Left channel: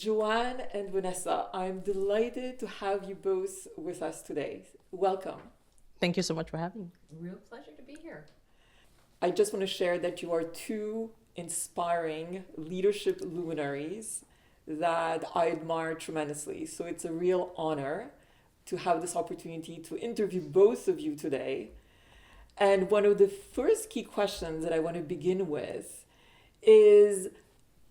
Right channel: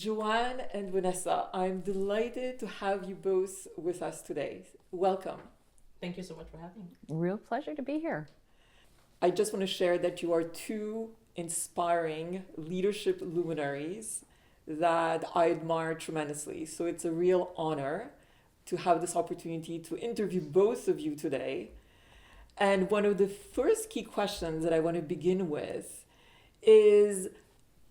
Joanne and Vanessa, I'm delighted to have you both with us today. Welcome. Thank you so much for having me. Real pleasure to be here. I just want to share that you are two inspiring leadership luminaries that I admire tremendously. So it's a real honor to have this opportunity to interview both of you today. And one of the first key questions that I want to begin with is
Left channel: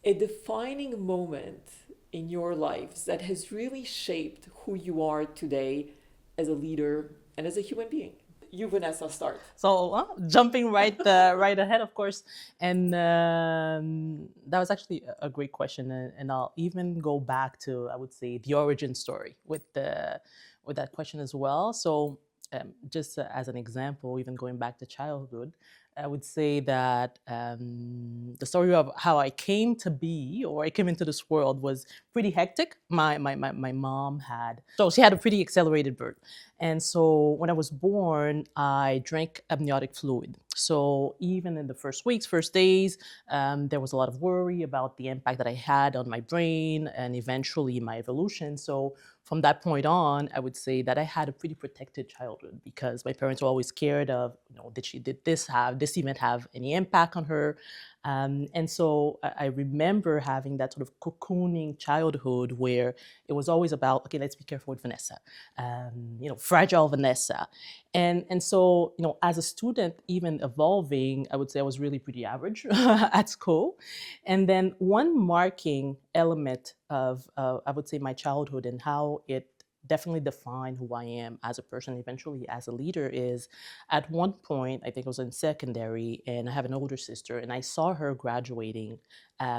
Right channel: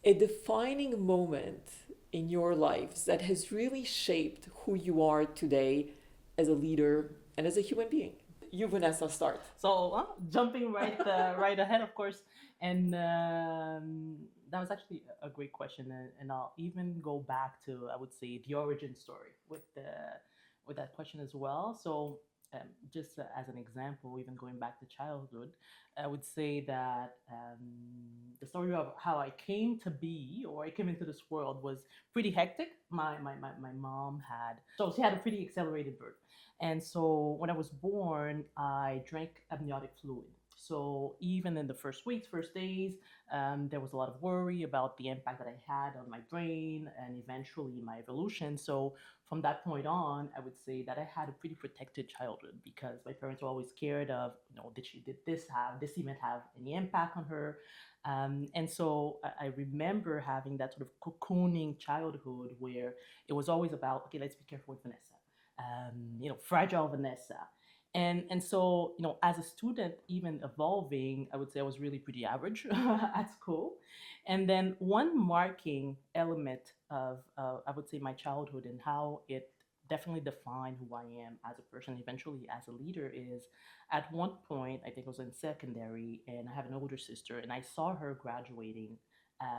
a defining moment in your lives that has really shaped who you are today as a leader and as a human being. You, Vanessa, start. So jumping right ahead, of course, and that was actually a great question, and I'll even go back to, I would say, the origin story with that question as well. So just as an example, even going back to childhood, I would say that the story of how I came to be or I came into this world was pretty hectic. My mom she had a pretty accelerated birth. And so when I was born, I drank amniotic fluid. So even in the first weeks, first days, there was a lot of worry about the impact that I had on my brain and eventually my evolution. So from that point on, I would say that I had a pretty protected childhood because my parents were always scared of, did this event have any impact on her? And so I remember having that sort of cocooning childhood where it was always about, okay, let's be careful with Vanessa, fragile Vanessa. And so, as a student, even evolving, I would say I was really pretty average at school. And then one marking element of, I would say, my childhood and how it definitely defined who I am as a person, eventually as a leader, is at one point, I think I was in secondary, and I have an older sister, and I saw her graduating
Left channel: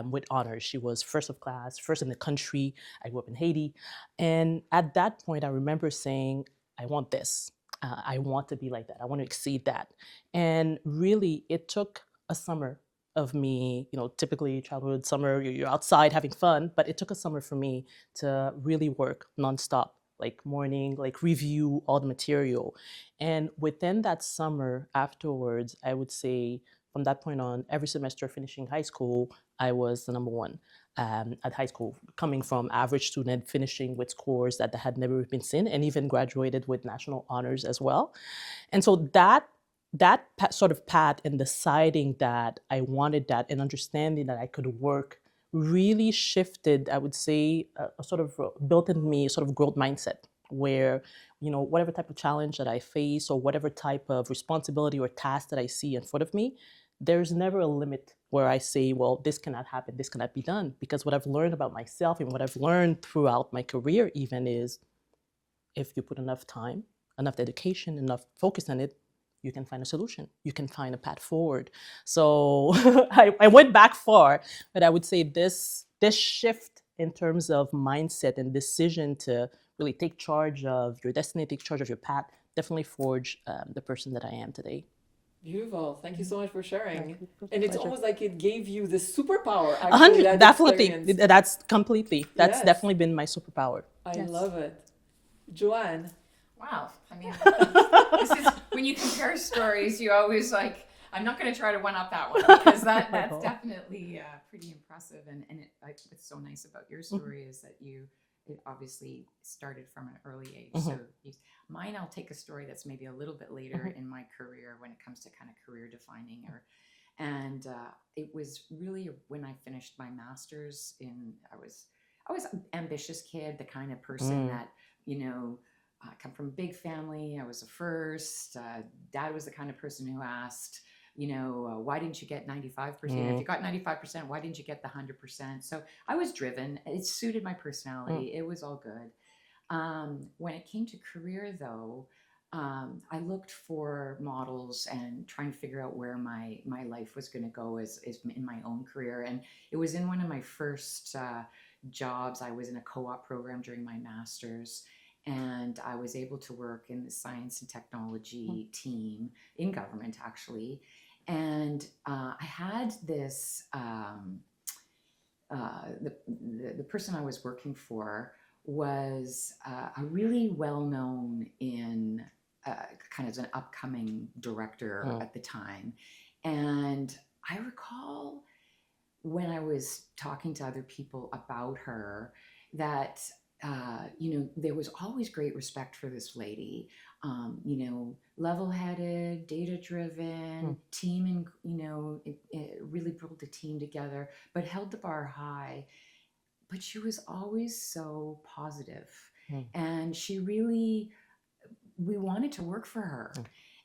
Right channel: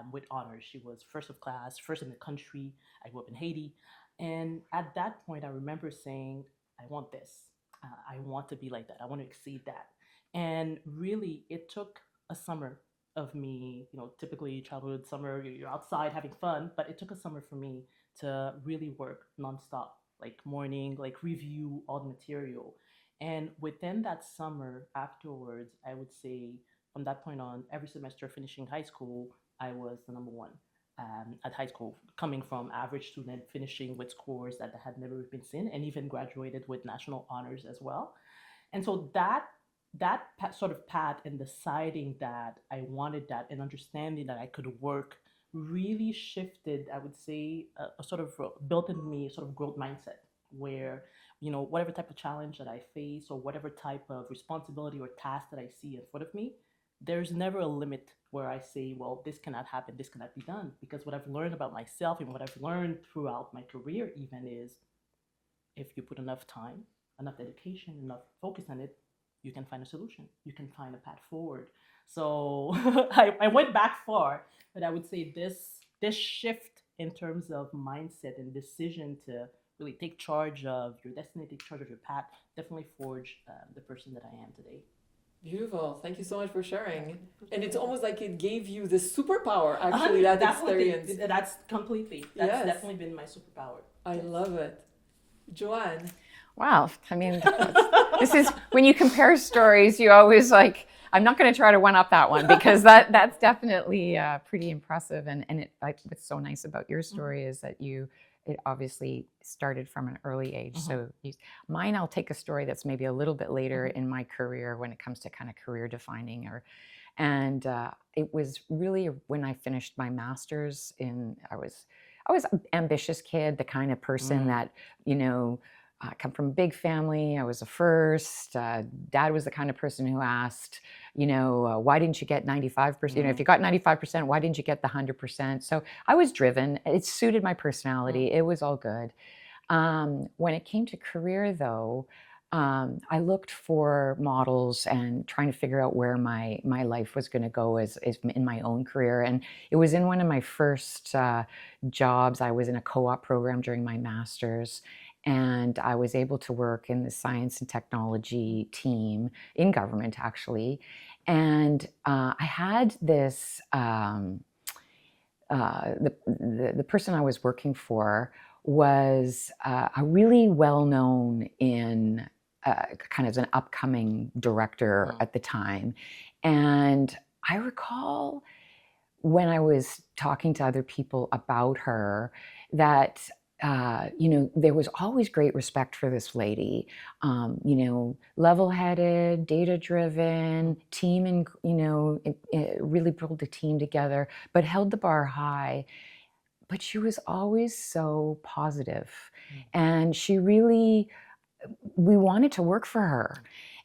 with honors. She was first of class, first in the country. I grew up in Haiti. And at that point, I remember saying, I want this. I want to be like that. I want to exceed that. And really, it took a summer of me, typically childhood summer, you're outside having fun, but it took a summer for me to really work nonstop, like morning, like review all the material. And within that summer afterwards, I would say from that point on, every semester finishing high school, I was the number one at high school, coming from average student, finishing with scores that had never been seen, and even graduated with national honors as well. And so that sort of path and deciding that I wanted that and understanding that I could work really shifted, I would say, a sort of built in me a sort of growth mindset where, whatever type of challenge that I face or whatever type of responsibility or task that I see in front of me, there's never a limit where I say, well, this cannot happen, this cannot be done. Because what I've learned about myself and what I've learned throughout my career even is if you put enough time, enough dedication, enough focus on it, you can find a solution. You can find a path forward. So I went back far, but I would say this shift in terms of mindset and decision to really take charge of your destiny, take charge of your path, definitely forged the person that I am today. Beautiful. Thank you so much for sharing. And it's almost like it gave you the superpower, actually, that experience. Definitely. That's completely. That's definitely been my superpower. I love it. Joanne. Wow. I mean, this is when you compare stories, you always like, I'm not going to try to one up that one because that's definitely pretty impressive. And what's so nice about your story is that it obviously started from an early age. So mine, I'll take a story that's maybe a little bit later in my career when it comes to kind of career defining and it was really when I finished my master's I was an ambitious kid, the kind of person that, I come from a big family. I was the first. Dad was the kind of person who asked, why didn't you get 95%? If you got 95%, why didn't you get the 100%? So I was driven. It suited my personality. It was all good. When it came to career, though, I looked for models and trying to figure out where my life was going to go as in my own career. And it was in one of my first jobs. I was in a co-op program during my master's. And I was able to work in the science and technology team in government, actually. And I had this, the person I was working for was a really well-known in kind of an upcoming director at the time. And I recall when I was talking to other people about her, that there was always great respect for this lady. Level-headed, data-driven, team, and really pulled a team together, but held the bar high. But she was always so positive, and we wanted to work for her.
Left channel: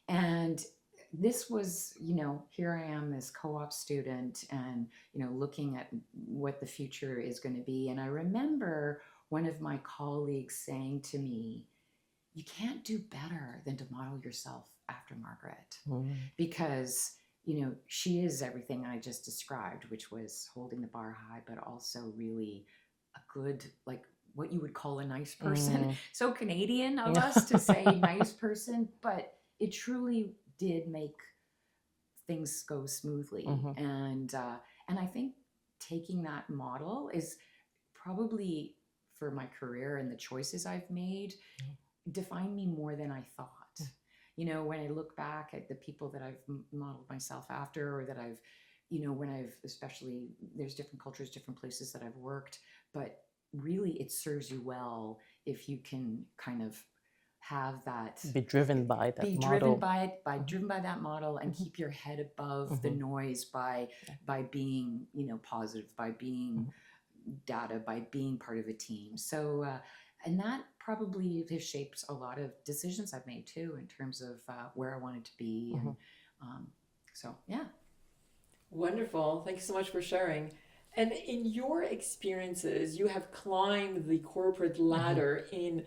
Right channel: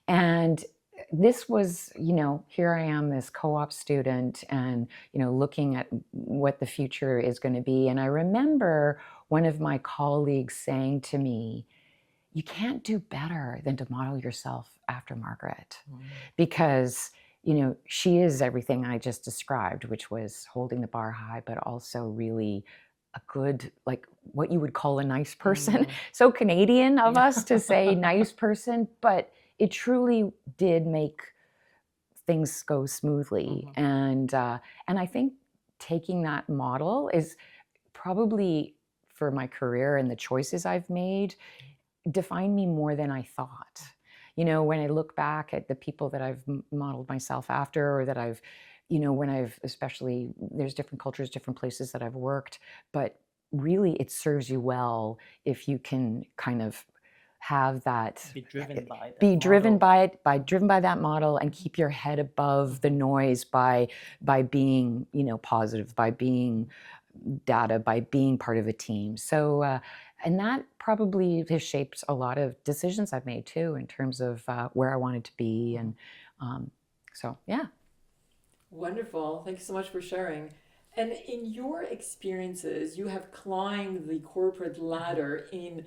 And this was, here I am, this co-op student, and, looking at what the future is going to be. And I remember one of my colleagues saying to me, you can't do better than to model yourself after Margaret, because, she is everything I just described, which was holding the bar high, but also really a good, like what you would call a nice person. So Canadian of us to say nice person, but it truly did make things go smoothly. And I think taking that model is probably, for my career and the choices I've made, define me more than I thought. When I look back at the people that I've modeled myself after, or that I've, when I've, especially, there's different cultures, different places that I've worked, but really it serves you well if you can kind of have that, be driven by that driven by that model, and keep your head above the noise by being, positive, by being data, by being part of a team. So and that probably has shaped a lot of decisions I've made too, in terms of where I wanted to be. And so, yeah. Wonderful. Thank you so much for sharing. And in your experiences, you have climbed the corporate ladder in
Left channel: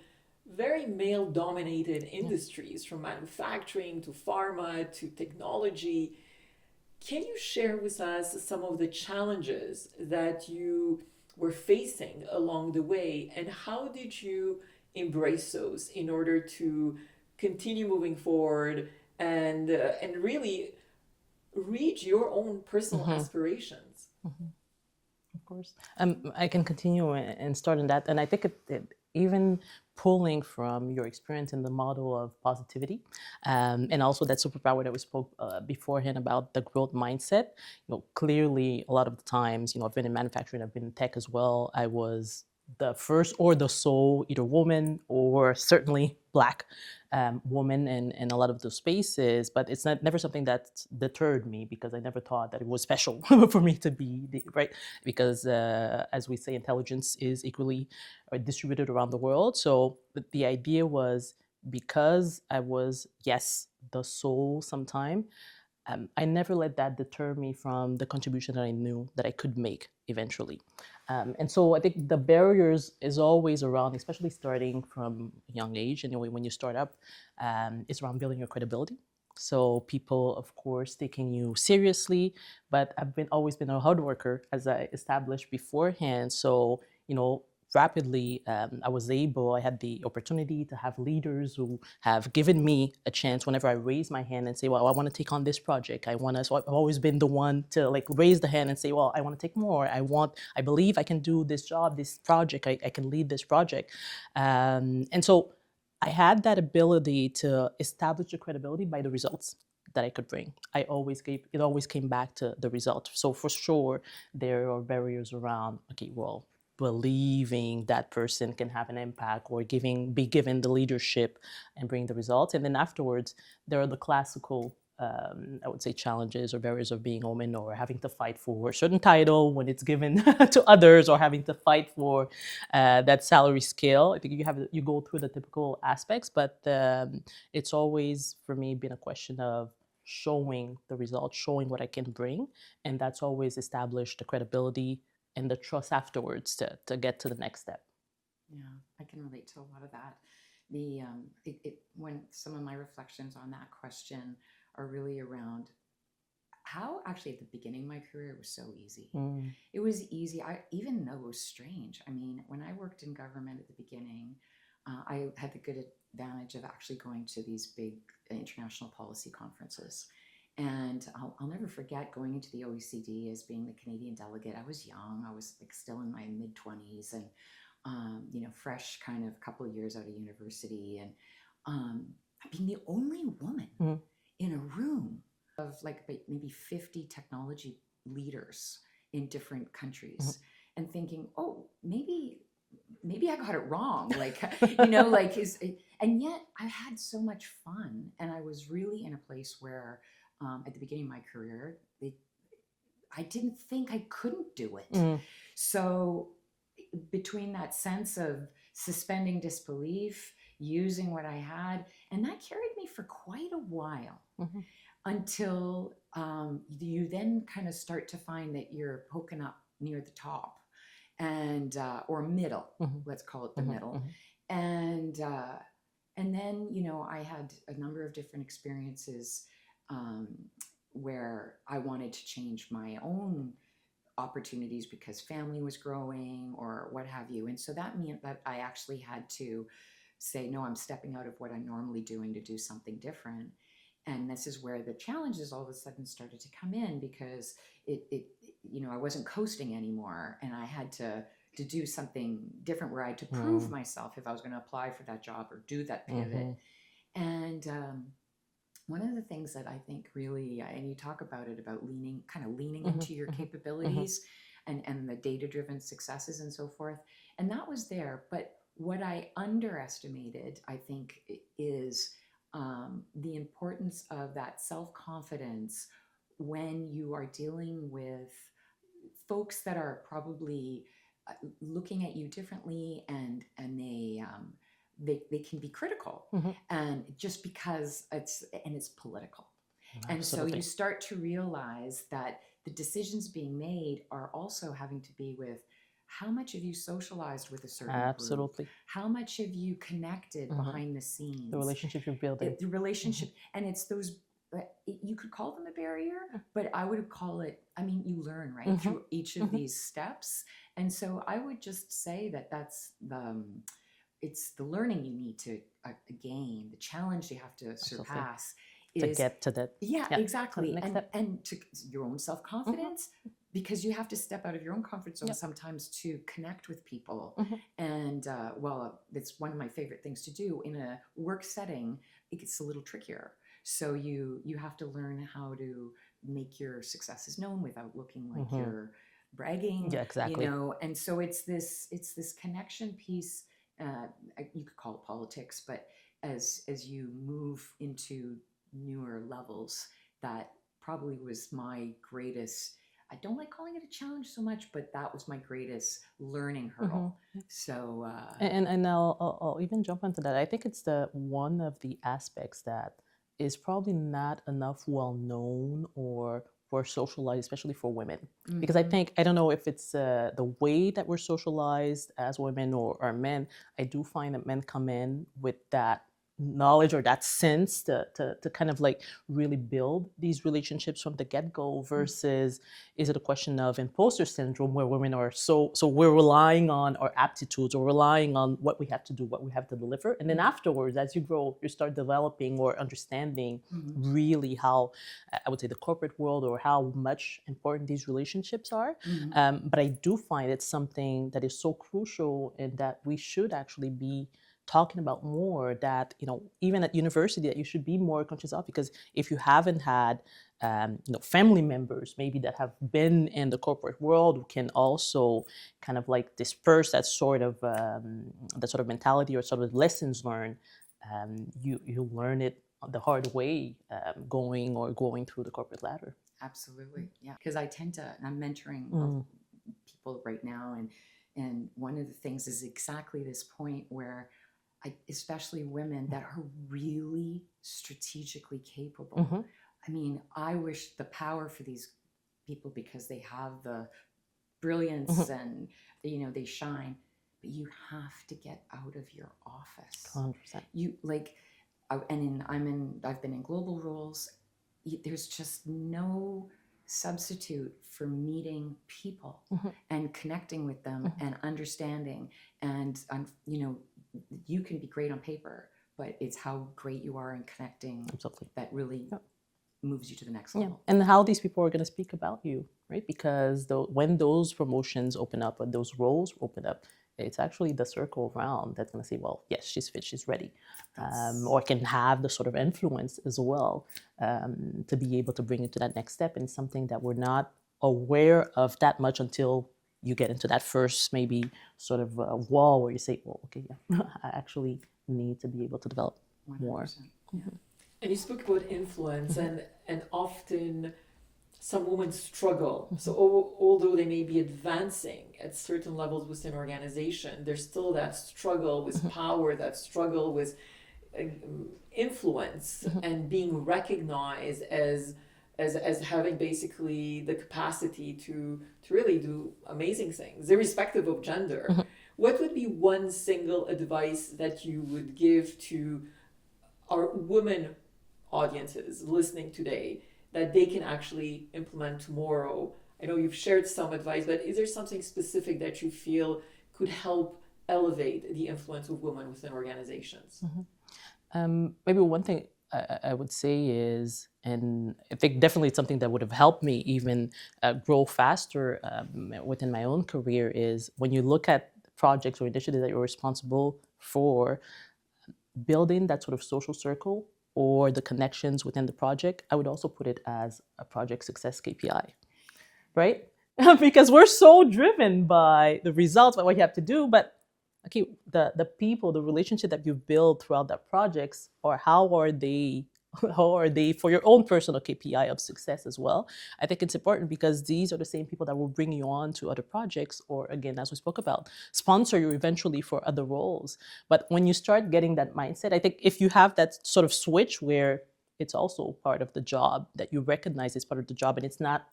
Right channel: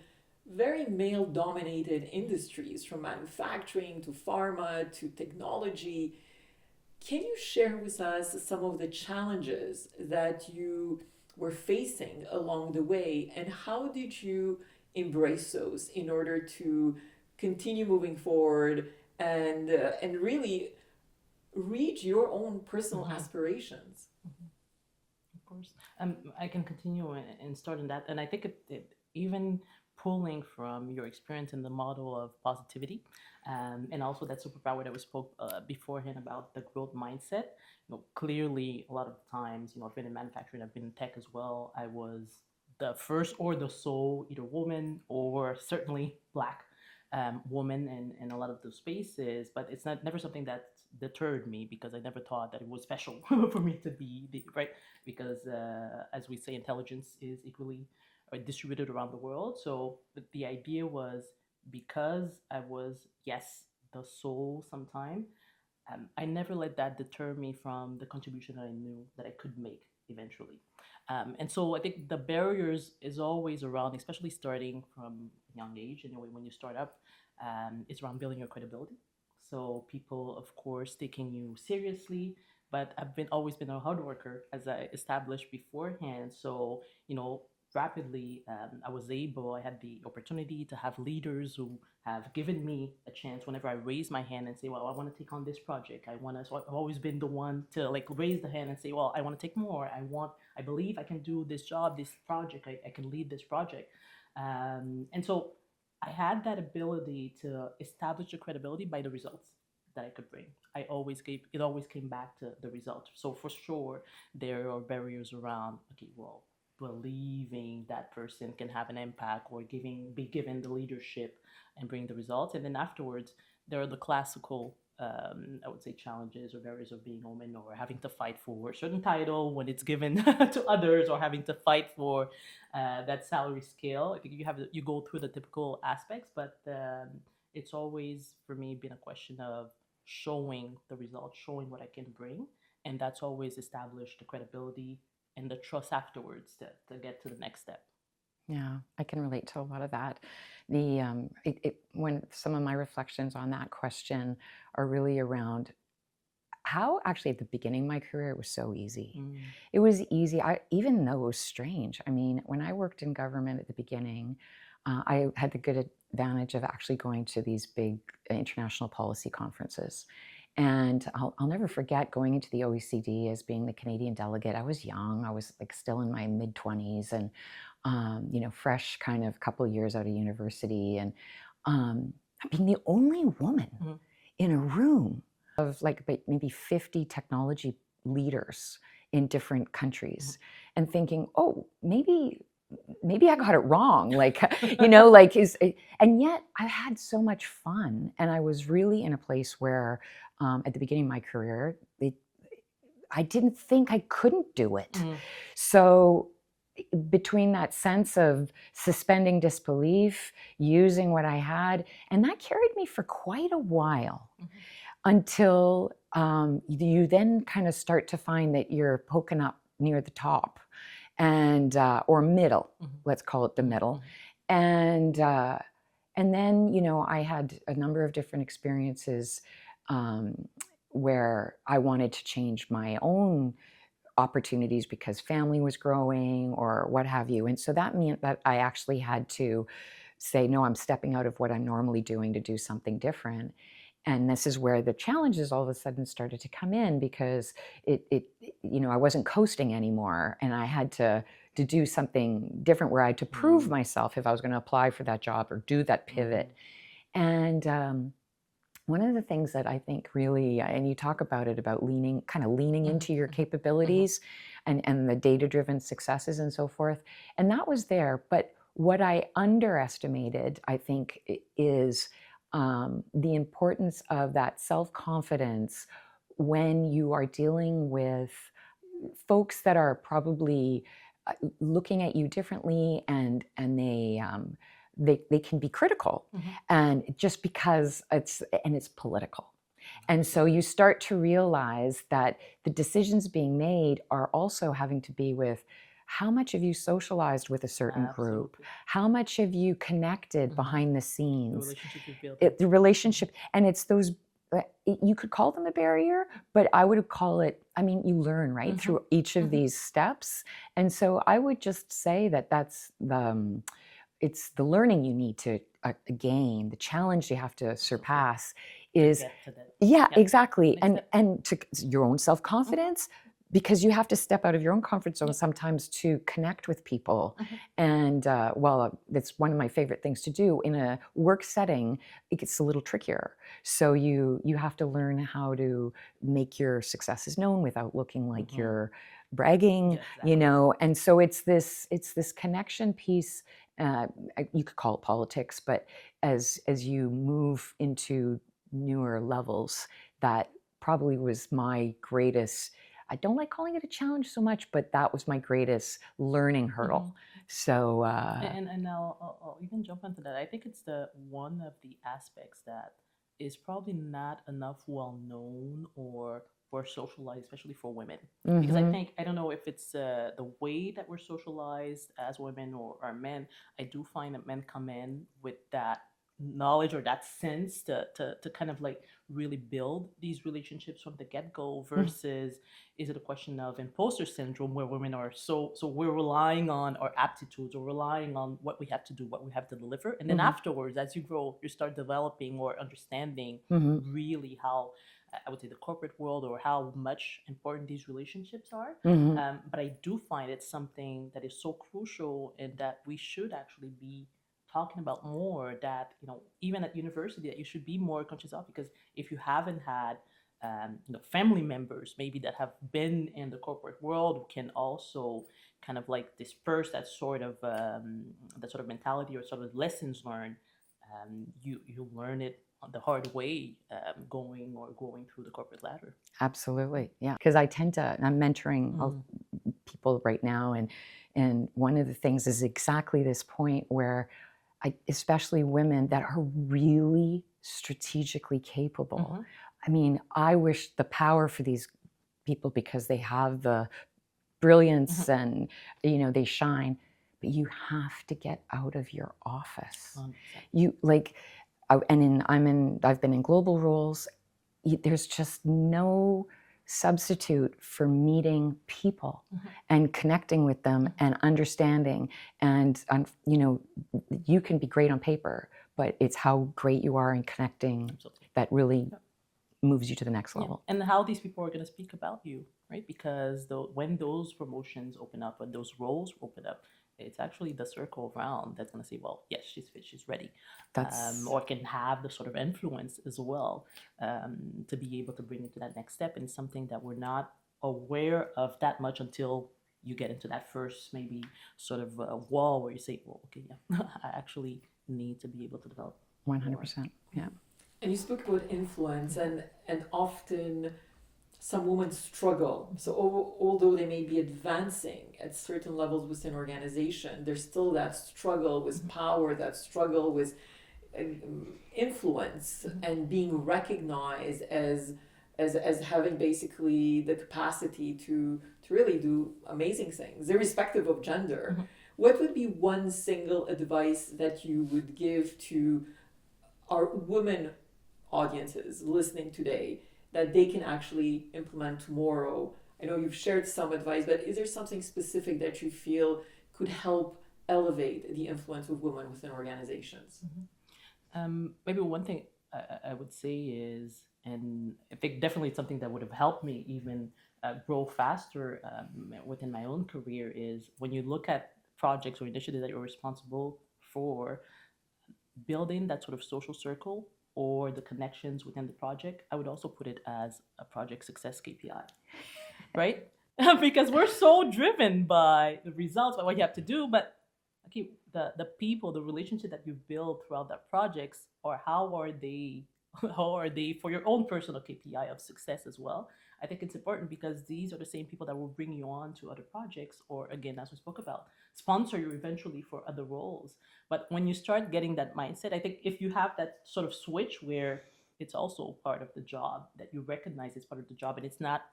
very male-dominated industries, from manufacturing to pharma to technology. Can you share with us some of the challenges that you were facing along the way, and how did you embrace those in order to continue moving forward and really reach your own personal aspirations? Of course. I can continue and start on that. And I think even pulling from your experience in the model of positivity, and also that superpower that we spoke beforehand about, the growth mindset. Clearly, a lot of the times, I've been in manufacturing, I've been in tech as well. I was the first or the sole either woman or certainly Black woman in a lot of those spaces, but it's never something that deterred me, because I never thought that it was special for me to be right, because as we say, intelligence is equally distributed around the world. So the idea was, because I was, yes, the sole sometime, I never let that deter me from the contribution that I knew that I could make eventually. And so I think the barriers is always around, especially starting from a young age. Anyway, when you start up, it's around building your credibility. So people, of course, taking you seriously, but I've always been a hard worker, as I established beforehand. So, rapidly, I had the opportunity to have leaders who have given me a chance whenever I raise my hand and say, well, I want to take on this project. So I've always been the one to raise the hand and say, well, I want to take more. I believe I can do this job, this project, I can lead this project. And so I had that ability to establish the credibility by the results that I could bring. It always came back to the result. So for sure, there are barriers around, okay, well, believing that person can have an impact, or be given the leadership and bring the results. And then afterwards, there are the classical, I would say, challenges or barriers of being a woman, or having to fight for a certain title when it's given to others, or having to fight for that salary scale. I think you go through the typical aspects, but it's always, for me, been a question of showing the results, showing what I can bring. And that's always established the credibility and the trust afterwards to get to the next step. Yeah, I can relate to a lot of that. When some of my reflections on that question are really around how, actually, at the beginning of my career, it was so easy. It was easy, even though it was strange. I mean, when I worked in government at the beginning, I had the good advantage of actually going to these big international policy conferences. And I'll never forget going into the OECD as being the Canadian delegate. I was young. I was still in my mid-20s, and fresh, kind of couple of years out of university, and being the only woman in a room of maybe 50 technology leaders in different countries and thinking, oh, maybe I got it wrong. Like, like and yet I had so much fun. And I was really in a place where at the beginning of my career, I didn't think I couldn't do it. So between that sense of suspending disbelief, using what I had, and that carried me for quite a while until you then kind of start to find that you're poking up near the top and or middle, let's call it the middle. And then, I had a number of different experiences where I wanted to change my own opportunities because family was growing or what have you. And so that meant that I actually had to say, no, I'm stepping out of what I'm normally doing to do something different. And this is where the challenges all of a sudden started to come in because I wasn't coasting anymore, and I had to do something different where I had to prove myself if I was going to apply for that job or do that pivot. And one of the things that I think really, and you talk about it, about leaning into your capabilities and the data-driven successes and so forth. And that was there. But what I underestimated, I think, is the importance of that self-confidence when you are dealing with folks that are probably looking at you differently, and they can be critical, and just because it's political. And so you start to realize that the decisions being made are also having to be with how much have you socialized with a certain group? How much have you connected behind the scenes? The relationship you're building. The relationship. And it's those, you could call them a barrier, but I would call it, you learn, right, through each of these steps. And so I would just say that that's it's the learning you need to gain, the challenge you have to surpass is to get to that. Yeah, exactly. And to your own self-confidence, because you have to step out of your own comfort zone sometimes to connect with people. And that's one of my favorite things to do in a work setting. It gets a little trickier. So you have to learn how to make your successes known without looking like you're bragging, and so it's this connection piece. You could call it politics, but as you move into newer levels, that probably was my greatest, I don't like calling it a challenge so much, but that was my greatest learning hurdle. So and I'll even jump into that. I think it's one of the aspects that is probably not enough well known or socialized, especially for women. Because I don't know if it's the way that we're socialized as women or men. I do find that men come in with that knowledge or that sense to kind of like really build these relationships from the get-go, versus is it a question of imposter syndrome where women are so we're relying on our aptitudes or relying on what we have to do, what we have to deliver, and then afterwards, as you grow, you start developing or understanding really how I would say the corporate world or how much important these relationships are. But I do find it's something that is so crucial and that we should actually be talking about more, that even at university, that you should be more conscious of, because if you haven't had family members maybe that have been in the corporate world, who can also kind of like disperse that sort of mentality or sort of lessons learned, you learn it the hard way, going through the corporate ladder. Absolutely, yeah. Because I'm mentoring people right now, and one of the things is exactly this point where especially women that are really strategically capable. I wish the power for these people, because they have the brilliance and they shine, but you have to get out of your office. 100%. I've been in global roles. There's just no substitute for meeting people and connecting with them and understanding. And you can be great on paper, but it's how great you are in connecting that really moves you to the next level. And how these people are going to speak about you, right? Because when those promotions open up or those roles open up, it's actually the circle around that's going to say, well, yes, she's fit, she's ready. Or can have the sort of influence as well to be able to bring it to that next step. And something that we're not aware of that much until you get into that first maybe sort of wall where you say, well, okay, yeah, I actually need to be able to develop 100%. Yeah. And you spoke about influence, and often some women struggle. So although they may be advancing at certain levels within organization, there's still that struggle with power, that struggle with influence, and being recognized as having basically the capacity to really do amazing things, irrespective of gender. What would be one single advice that you would give to our women audiences listening today that they can actually implement tomorrow? I know you've shared some advice, but is there something specific that you feel could help elevate the influence of women within organizations? Maybe one thing I would say is, and I think definitely something that would have helped me even grow faster within my own career, is when you look at projects or initiatives that you're responsible for, building that sort of social circle or the connections within the project, I would also put it as a project success KPI, right? Because we're so driven by the results, by what you have to do, but okay, the people, the relationship that you build throughout that projects, or how are they for your own personal KPI of success as well? I think it's important because these are the same people that will bring you on to other projects, or again, as we spoke about, sponsor you eventually for other roles. But when you start getting that mindset, I think if you have that sort of switch where it's also part of the job, that you recognize it's part of the job and it's not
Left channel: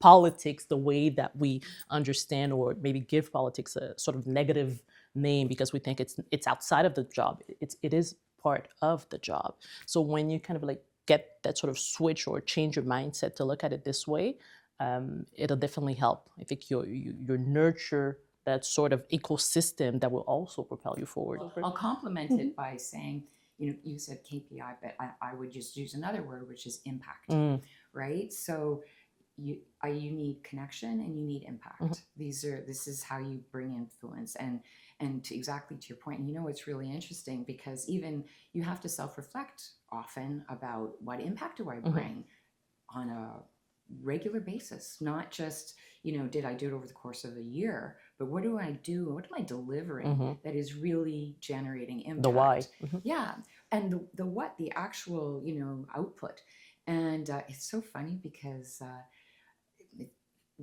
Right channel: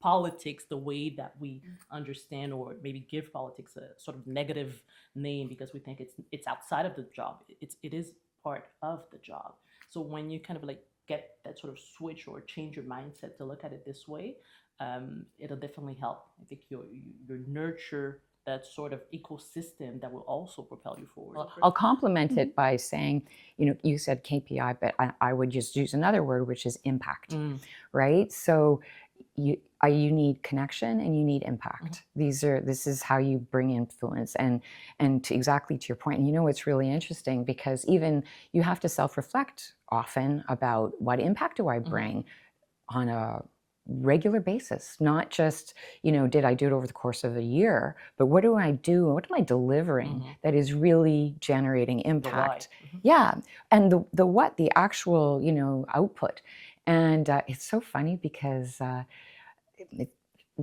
politics the way that we understand, or maybe give politics a sort of negative name because we think it's outside of the job. It is part of the job. So when you kind of like get that sort of switch or change your mindset to look at it this way, it'll definitely help. I think you nurture that sort of ecosystem that will also propel you forward. I'll complement it by saying, you said KPI, but I would just use another word, which is impact, right? So you need connection and you need impact. This is how you bring influence, and exactly to your point. And it's really interesting because even you have to self-reflect often about what impact do I bring on a regular basis, not just did I do it over the course of a year, but what do I do, what am I delivering that is really generating impact? Yeah, and the actual output. And it's so funny because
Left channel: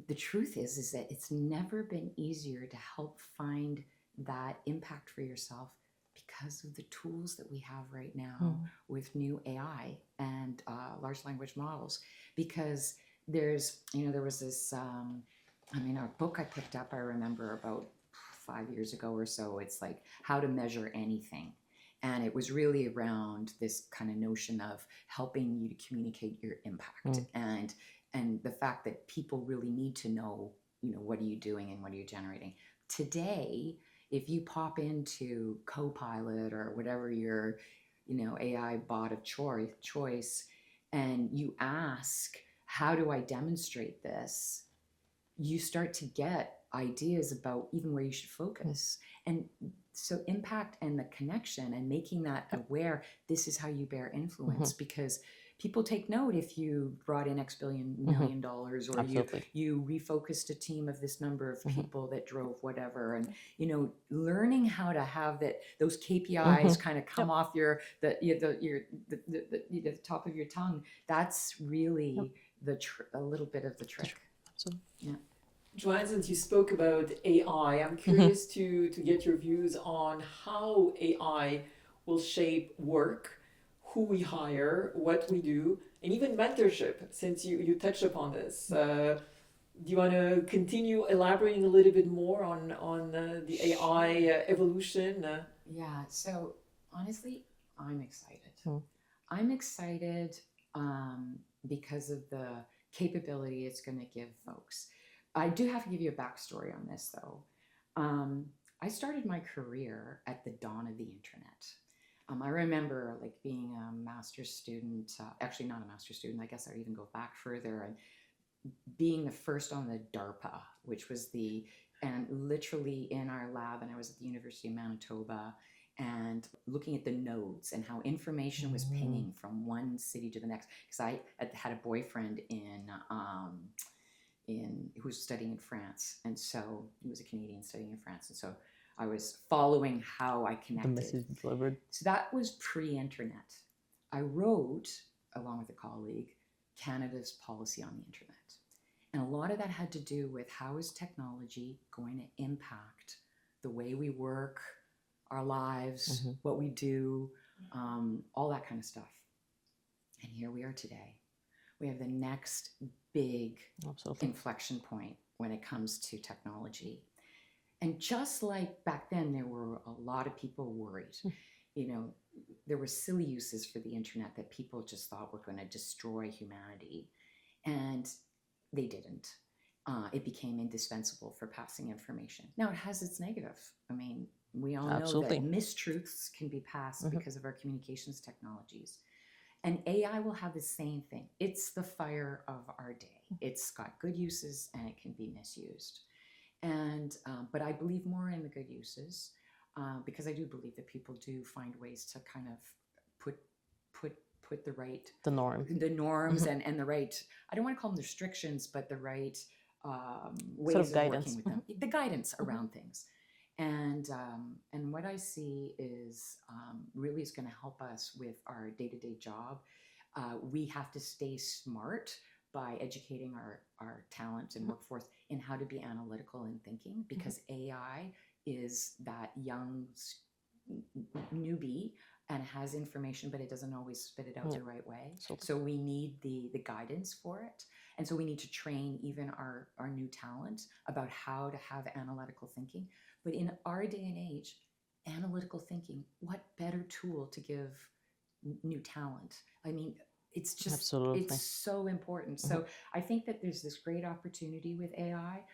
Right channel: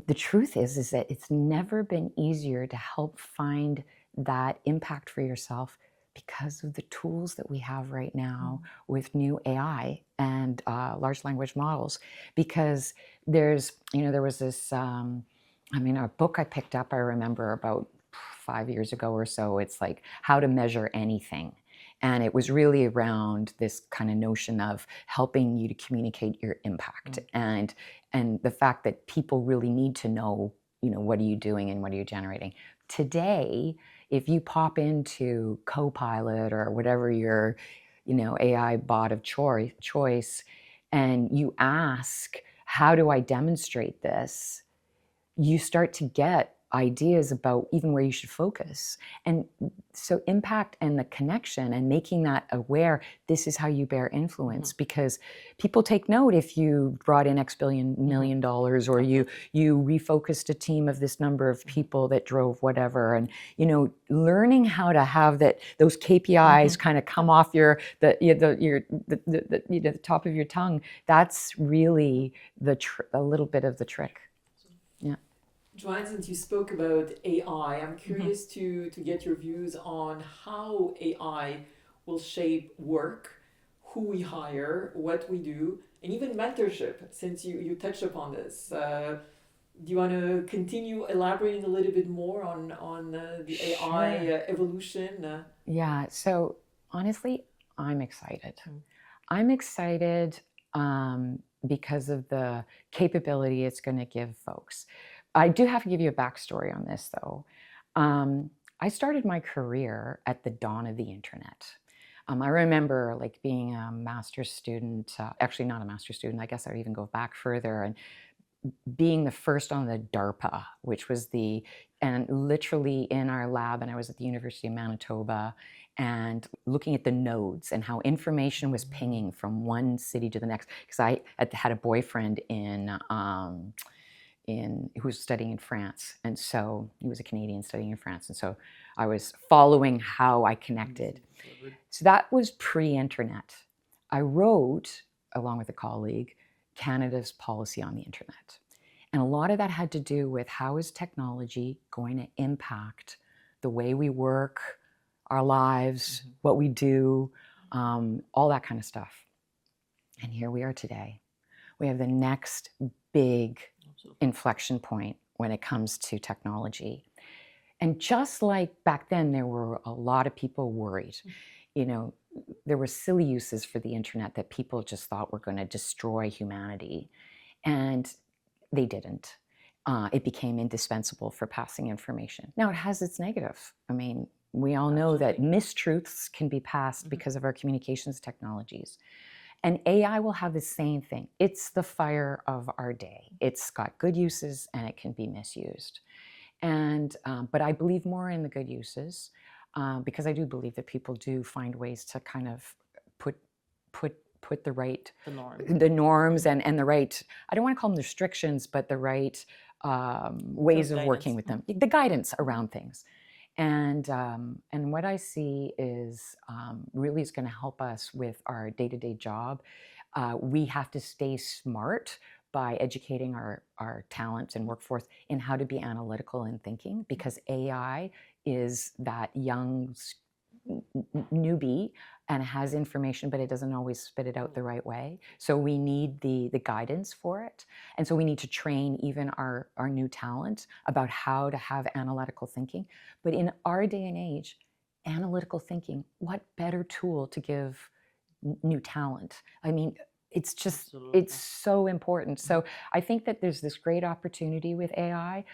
the truth is that it's never been easier to help find that impact for yourself because of the tools that we have right now with new AI and large language models. Because there was this, a book I picked up, I remember about 5 years ago or so. It's like How to Measure Anything. And it was really around this kind of notion of helping you to communicate your impact and the fact that people really need to know, what are you doing and what are you generating. Today, if you pop into Copilot or whatever your, AI bot of choice, and you ask, how do I demonstrate this? You start to get ideas about even where you should focus. And so impact and the connection and making that aware, this is how you bear influence, because people take note if you brought in X million dollars, or you refocused a team of this number of people that drove whatever. And learning how to have those KPIs kind of come off the top of your tongue, that's really a little bit of the trick. Yeah. Joanne, since you spoke about AI, I'm curious to get your views on how AI will shape work, who we hire, what we do, and even mentorship, since you touched upon this. Do you want to continue elaborating a little bit more on the AI evolution? Yeah, so honestly, I'm excited. I'm excited because of the capability it's going to give folks. I do have to give you a backstory on this, though. I started my career at the dawn of the internet. I remember being a master's student, actually not a master's student, I guess I would even go back further, and being the first on the DARPA, which was and literally in our lab, and I was at the University of Manitoba, and looking at the nodes and how information was pinging from one city to the next. Because I had a boyfriend in who was studying in France, and so he was a Canadian studying in France, and so I was following how I connected. So that was pre-internet. I wrote, along with a colleague, Canada's policy on the internet. And a lot of that had to do with how is technology going to impact the way we work, our lives, what we do, all that kind of stuff. And here we are today. We have the next big inflection point when it comes to technology. And just like back then, there were a lot of people worried. You know, there were silly uses for the internet that people just thought were going to destroy humanity. And they didn't. It became indispensable for passing information. Now, it has its negative. I mean, we all know that mistruths can be passed because of our communications technologies. And AI will have the same thing. It's the fire of our day. It's got good uses and it can be misused. And but I believe more in the good uses because I do believe that people do find ways to kind of put the norms and the right, I don't want to call them restrictions, but the right ways of working with them, the guidance around things. And what I see is really is going to help us with our day-to-day job. We have to stay smart by educating our talent and workforce in how to be analytical in thinking, because AI is that young newbie and has information, but it doesn't always spit it out the right way. So we need the guidance for it. And so we need to train even our new talent about how to have analytical thinking. But in our day and age, analytical thinking, what better tool to give new talent? I mean, it's just, it's so important. So I think that there's this great opportunity with AI.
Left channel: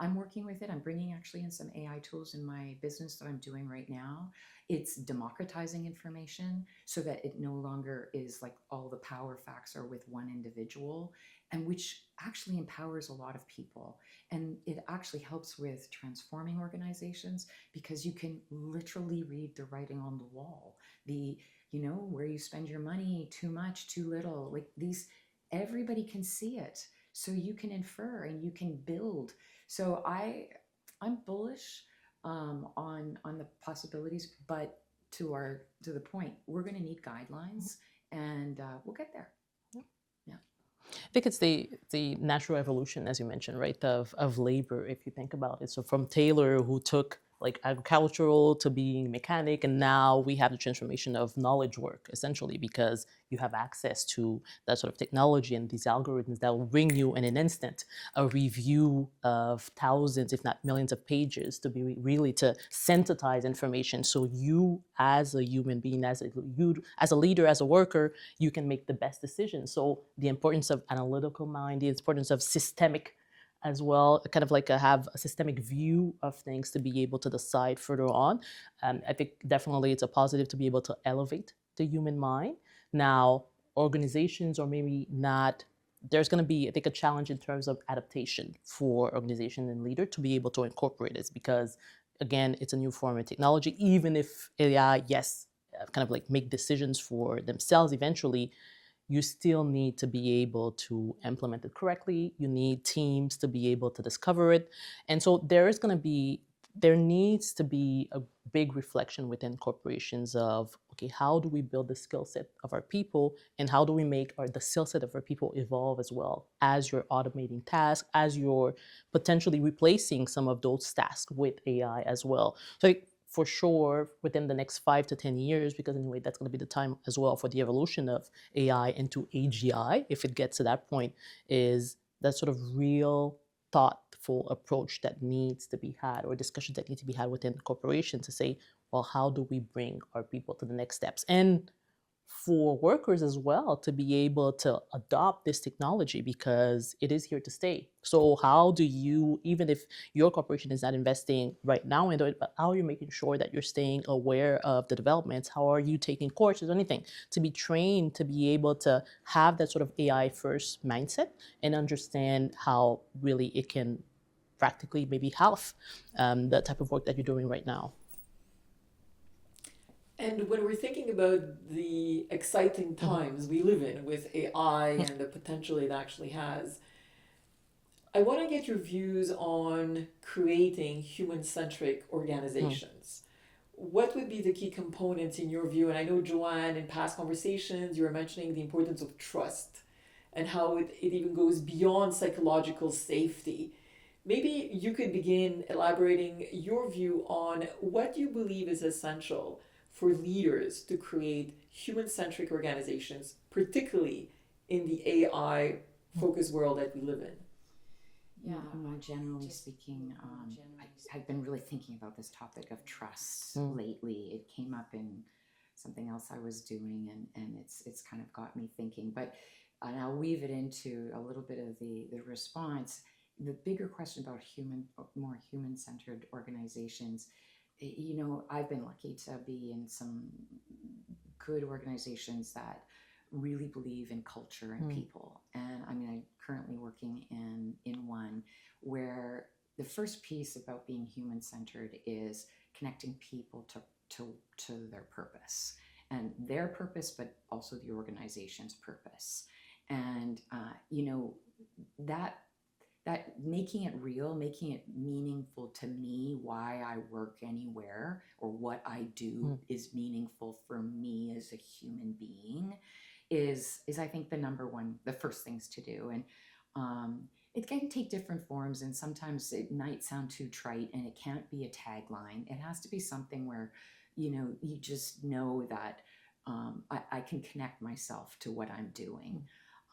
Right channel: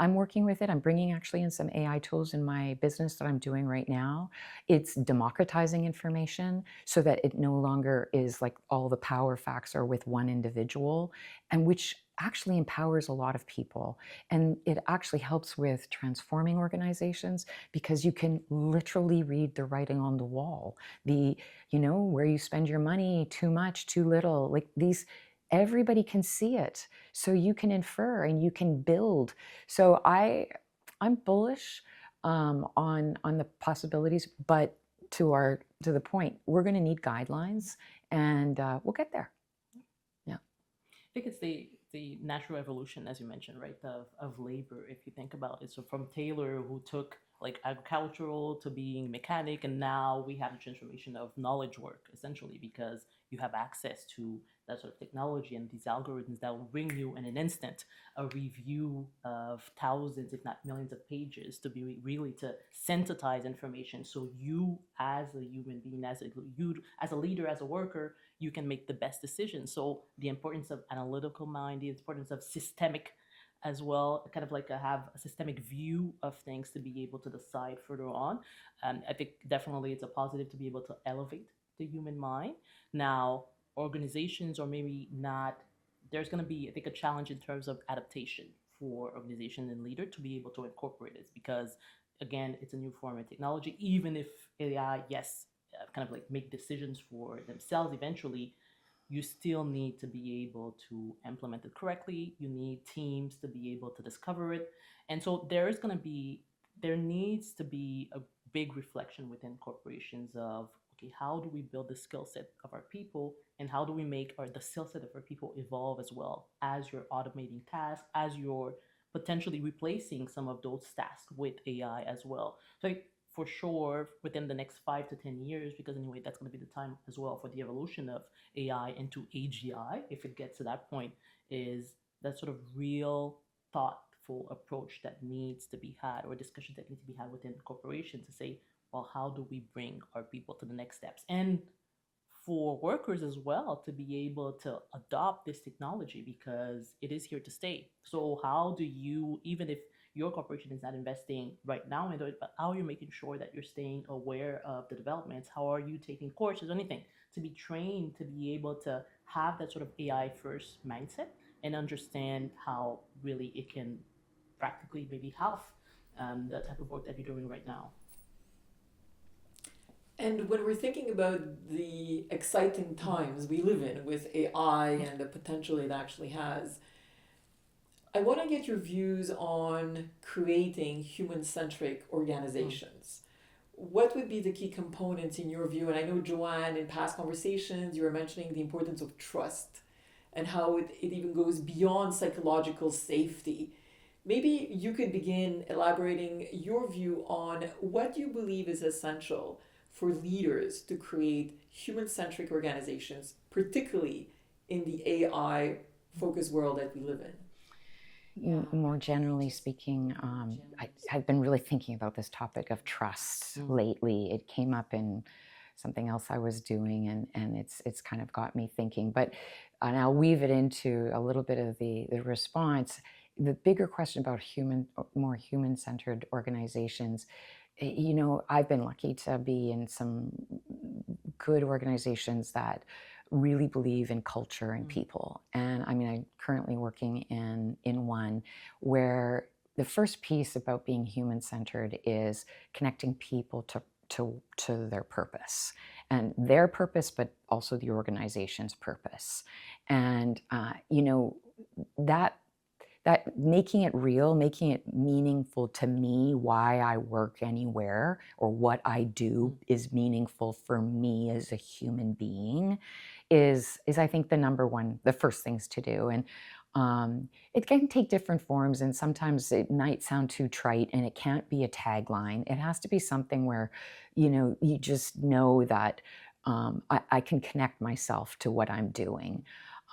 I'm working with it. I'm bringing actually in some AI tools in my business that I'm doing right now. It's democratizing information so that it no longer is like all the power facts are with one individual, and which actually empowers a lot of people. And it actually helps with transforming organizations because you can literally read the writing on the wall. You know, where you spend your money, too much, too little, like these, everybody can see it. So you can infer and you can build. So I'm bullish on the possibilities, but to the point, we're going to need guidelines, and we'll get there. Yeah, I think it's the natural evolution, as you mentioned, right, of labor. If you think about it, so from Taylor, who took like agricultural to being mechanic, and now we have the transformation of knowledge work, essentially, because you have access to that sort of technology and these algorithms that will bring you in an instant a review of thousands, if not millions of pages to be really to synthesize information. So you as a human being, as a leader, as a worker, you can make the best decisions. So the importance of analytical mind, the importance of systemic as well, kind of like have a systemic view of things to be able to decide further on. And I think definitely it's a positive to be able to elevate the human mind. Now, organizations, or maybe not, there's going to be, I think, a challenge in terms of adaptation for organization and leader to be able to incorporate this, because again, it's a new form of technology. Even if AI, yes, kind of like make decisions for themselves eventually, you still need to be able to implement it correctly. You need teams to be able to discover it. And so there needs to be a big reflection within corporations of, okay, how do we build the skill set of our people, and how do we make the skill set of our people evolve as well as you're automating tasks, as you're potentially replacing some of those tasks with AI as well. So for sure, within the next 5 to 10 years, because anyway, that's going to be the time as well for the evolution of AI into AGI, if it gets to that point, is that sort of real thoughtful approach that needs to be had, or discussions that need to be had within corporations to say, well, how do we bring our people to the next steps? And for workers as well to be able to adopt this technology, because it is here to stay. So how do you, even if your corporation is not investing right now into it, but how are you making sure that you're staying aware of the developments? How are you taking courses or anything to be trained to be able to have that sort of AI first mindset and understand how really it can practically maybe half the type of work that you're doing right now? And when we're thinking about the exciting times we live in with AI and the potential it actually has, I want to get your views on creating human-centric organizations. What would be the key components in your view? And I know, Joanne, in past conversations, you were mentioning the importance of trust and how it even goes beyond psychological safety. Maybe you could begin elaborating your view on what you believe is essential for leaders to create human-centric organizations, particularly in the AI focused world that we live in. More generally speaking, I've been really thinking about this topic of trust lately. It came up in something else I was doing, and it's kind of got me thinking. But and I'll weave it into a little bit of the response. The bigger question about more human-centered organizations. You know, I've been lucky to be in some good organizations that really believe in culture and people. And I mean, I'm currently working in one where the first piece about being human-centered is connecting people to their purpose, and their purpose, but also the organization's purpose. And you know, that making it real, making it meaningful to me, why I work anywhere or what I do is meaningful for me as a human being, is I think the first things to do. And it can take different forms, and sometimes it might sound too trite, and it can't be a tagline. It has to be something where, you know, you just know that I can connect myself to what I'm doing.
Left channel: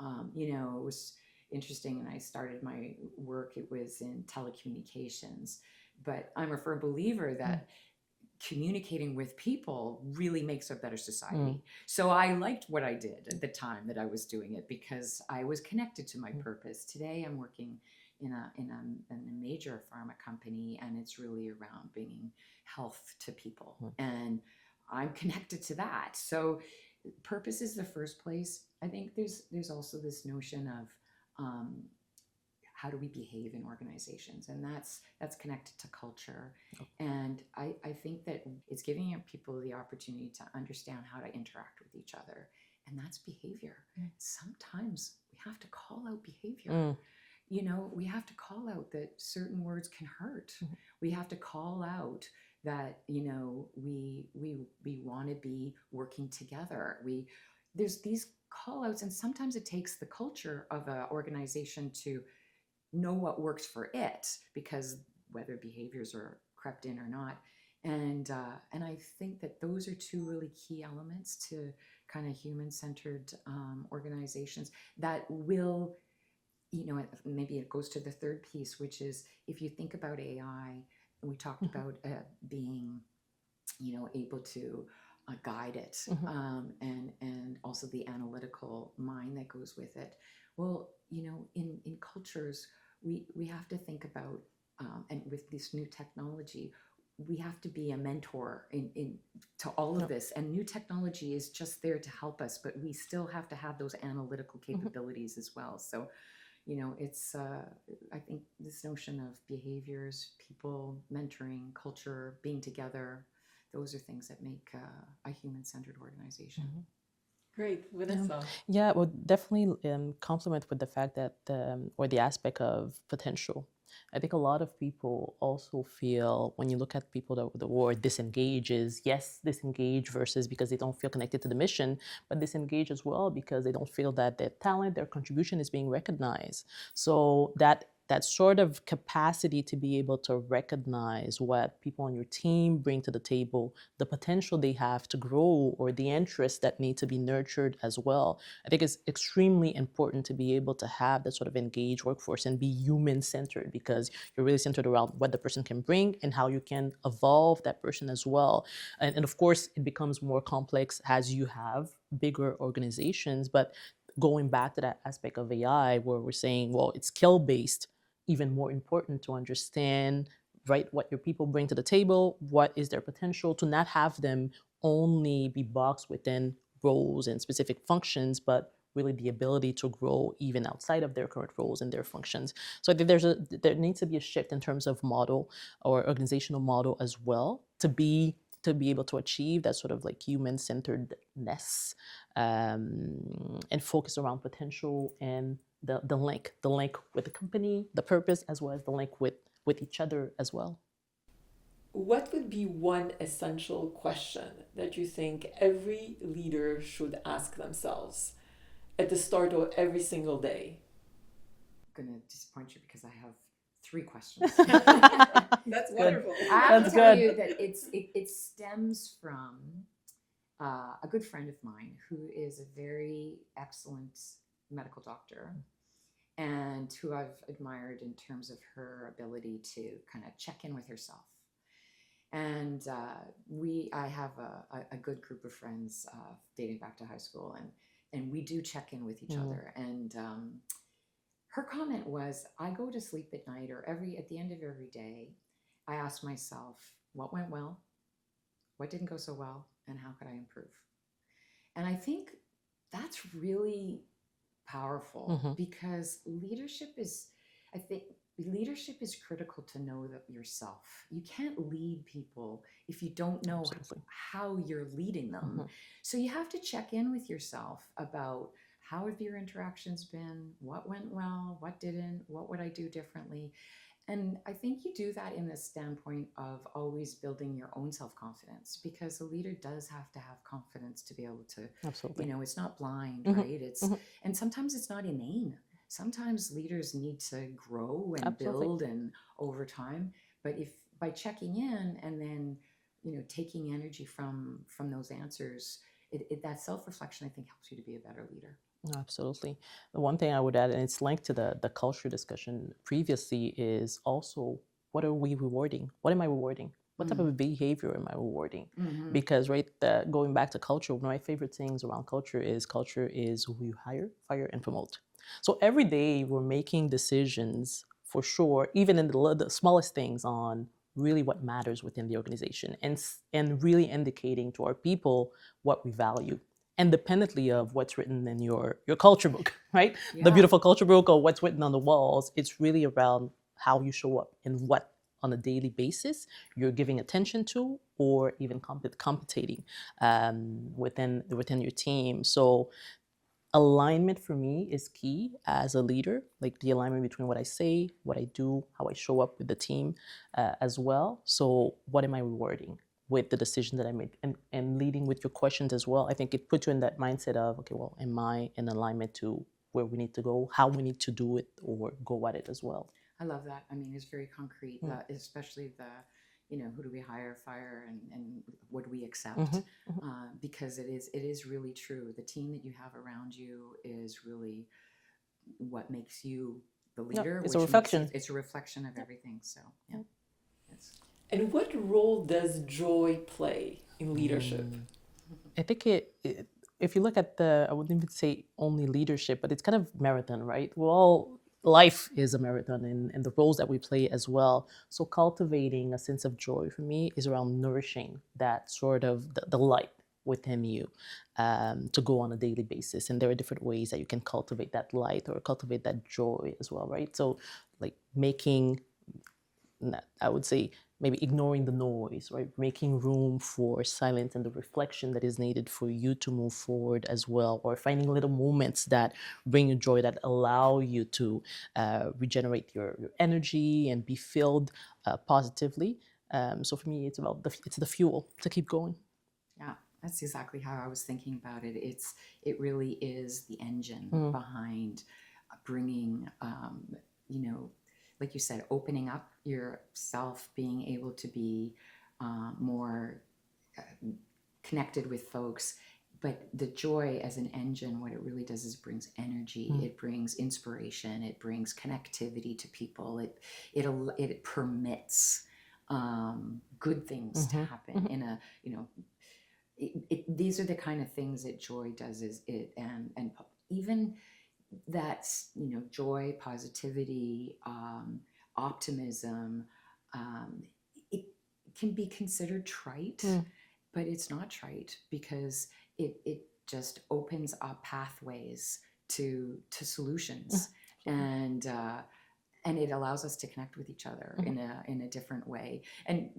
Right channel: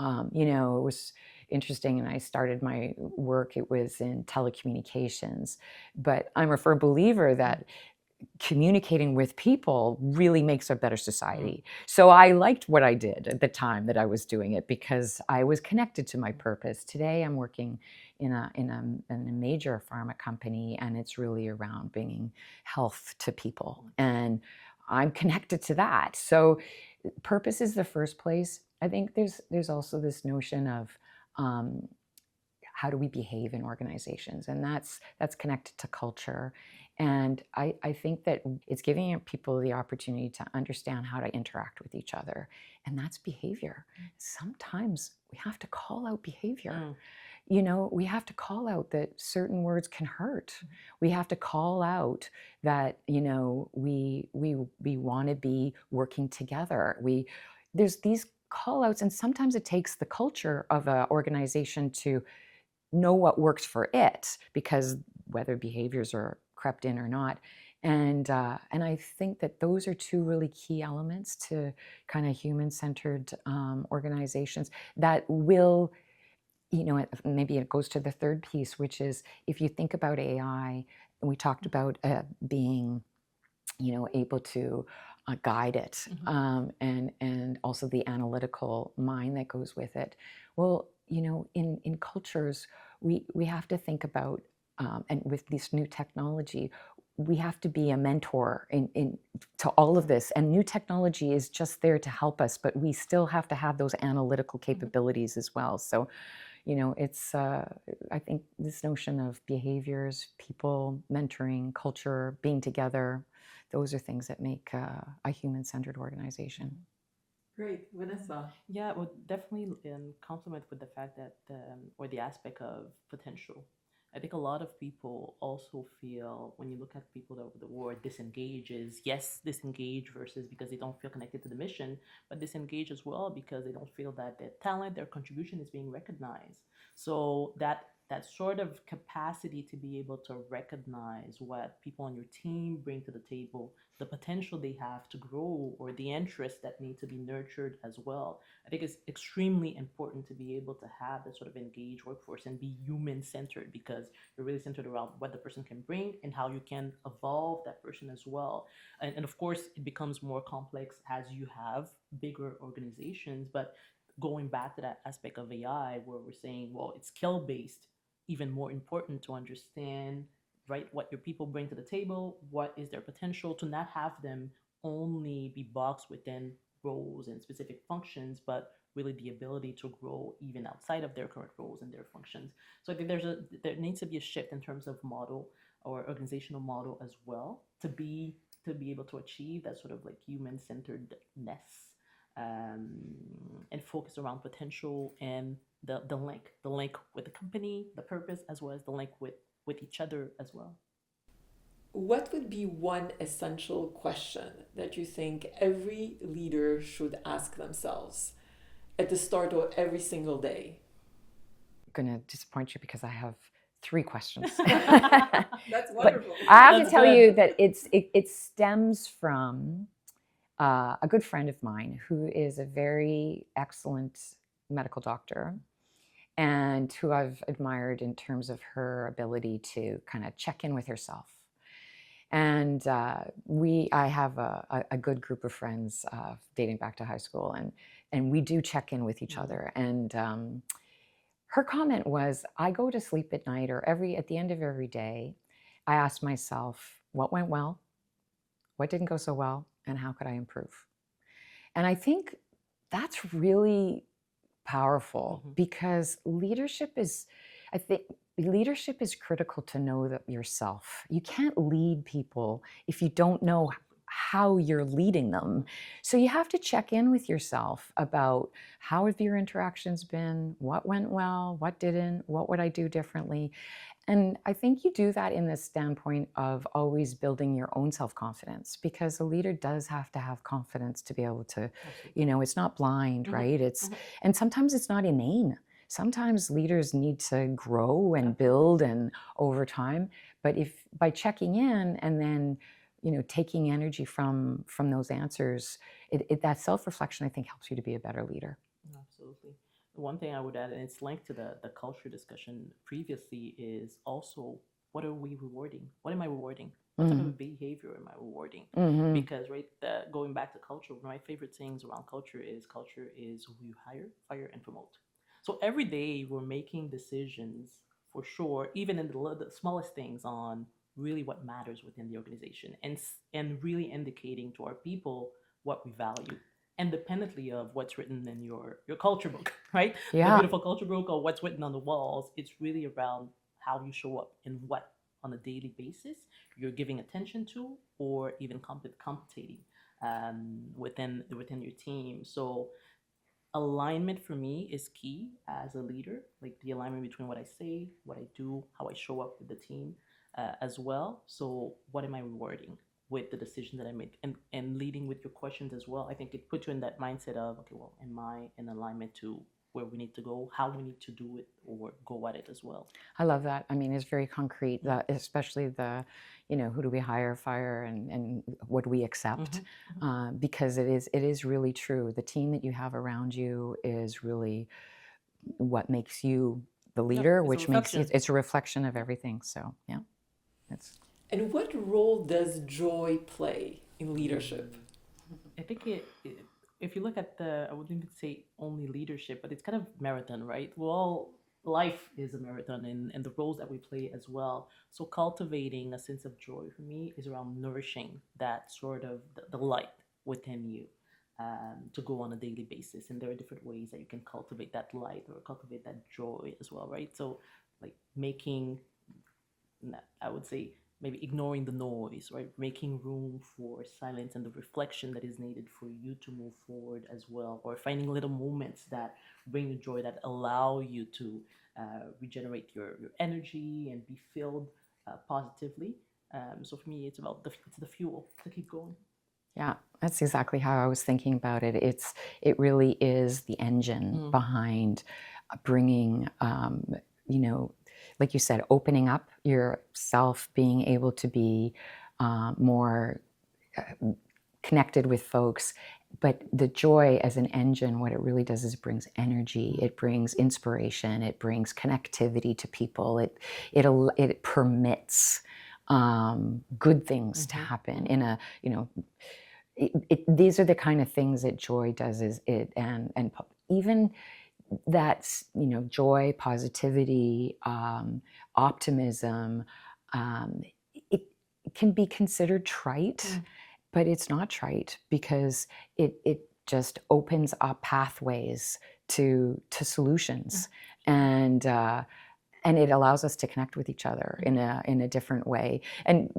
You know, it was interesting, and I started my work, it was in telecommunications, but I'm a firm believer that communicating with people really makes a better society. So I liked what I did at the time that I was doing it because I was connected to my purpose. Today I'm working in a major pharma company, and it's really around bringing health to people, and I'm connected to that. So purpose is the first place. I think there's also this notion of how do we behave in organizations, and that's connected to culture. And I think that it's giving people the opportunity to understand how to interact with each other, and that's behavior. Sometimes we have to call out behavior. You know, we have to call out that certain words can hurt. We have to call out that, you know, we want to be working together. There's these call outs, and sometimes it takes the culture of an organization to know what works for it, because whether behaviors are crept in or not. And I think that those are two really key elements to kind of human-centered organizations that will, you know, maybe it goes to the third piece, which is if you think about AI, and we talked about being, you know, able to guide it, and also the analytical mind that goes with it. Well, you know, in cultures, we have to think about, and with this new technology, we have to be a mentor to all of this. And new technology is just there to help us, but we still have to have those analytical capabilities as well. So, you know, it's, I think this notion of behaviors, people, mentoring, culture, being together, those are things that make a human-centered organization. Great, Vanessa. Yeah, well, definitely complement with the fact that, or the aspect of potential. I think a lot of people also feel, when you look at people that the word disengage is, yes, disengage versus because they don't feel connected to the mission, but disengage as well because they don't feel that their talent, their contribution is being recognized. So that sort of capacity to be able to recognize what people on your team bring to the table, the potential they have to grow, or the interests that need to be nurtured as well. I think it's extremely important to be able to have that sort of engaged workforce and be human-centered, because you're really centered around what the person can bring and how you can evolve that person as well. And of course, it becomes more complex as you have bigger organizations, but going back to that aspect of AI where we're saying, well, it's skill-based, even more important to understand, right, what your people bring to the table, what is their potential, to not have them only be boxed within roles and specific functions, but really the ability to grow even outside of their current roles and their functions. So I think there needs to be a shift in terms of model or organizational model as well to be able to achieve that sort of like human-centeredness, and focus around potential and the link with the company, the purpose, as well as the link with each other as well. What would be one essential question that you think every leader should ask themselves at the start of every single day? I'm going to disappoint you because I have 3 questions. That's wonderful. I have That's to tell good. you that it stems from a good friend of mine who is a very excellent medical doctor and who I've admired in terms of her ability to kind of check in with herself. And I have a good group of friends dating back to high school, and we do check in with each other. And her comment was, I go to sleep at night or at the end of every day, I ask myself, what went well? What didn't go so well? And how could I improve? And I think that's really powerful because leadership is critical to know that yourself. You can't lead people if you don't know how you're leading them. So you have to check in with yourself about how have your interactions been, what went well, what didn't, what would I do differently? And I think you do that in the standpoint of always building your own self-confidence, because a leader does have to have confidence to be able to, it's not blind, right? And sometimes it's not inane. Sometimes leaders need to grow and build and over time. But if by checking in and then, taking energy from those answers, that self-reflection, I think, helps you to be a better leader. Absolutely. The one thing I would add, and it's linked to the culture discussion previously, is also what are we rewarding? What am I rewarding? What type of behavior am I rewarding? Because going back to culture, one of my favorite things around culture is who you hire, fire, and promote. So every day we're making decisions for sure, even in the smallest things, on really what matters within the organization, and really indicating to our people what we value, independently of what's written in your culture book, right? Yeah. The beautiful culture book, or what's written on the walls. It's really around how you show up and what on a daily basis you're giving attention to, or even compensating within your team. So alignment for me is key as a leader, like the alignment between what I say, what I do, how I show up with the team as well. So what am I rewarding with the decision that I make? And leading with your questions as well, I think it puts you in that mindset of, okay, well, am I in alignment to where we need to go, how we need to do it, or go at it as well? I love that. I mean, it's very concrete, that especially the, who do we hire, fire, and what do we accept? Because it is really true. The team that you have around you is really what makes you the leader, which makes it's a reflection of everything. So yeah, And what role does joy play in leadership? I think if you look at I wouldn't even say only leadership, but it's kind of marathon, right? Life is a marathon, and the roles that we play as well. So cultivating a sense of joy for me is around nourishing that sort of the light within you to go on a daily basis. And there are different ways that you can cultivate that light or cultivate that joy as well, right? So like making, I would say, maybe ignoring the noise, right? Making room for silence and the reflection that is needed for you to move forward as well, or finding little moments that bring you joy, that allow you to regenerate your energy and be filled positively. So for me, it's the fuel to keep going. Yeah, that's exactly how I was thinking about it. It really is the engine behind bringing, like you said, opening up yourself, being able to be more connected with folks. But the joy as an engine, what it really does is it brings energy, it brings inspiration, it brings connectivity to people. It permits good things to happen in a, these are the kind of things that joy does, and even that's, joy, positivity, optimism, it can be considered trite, but it's not trite, because it just opens up pathways to solutions, and it allows us to connect with each other in a different way. And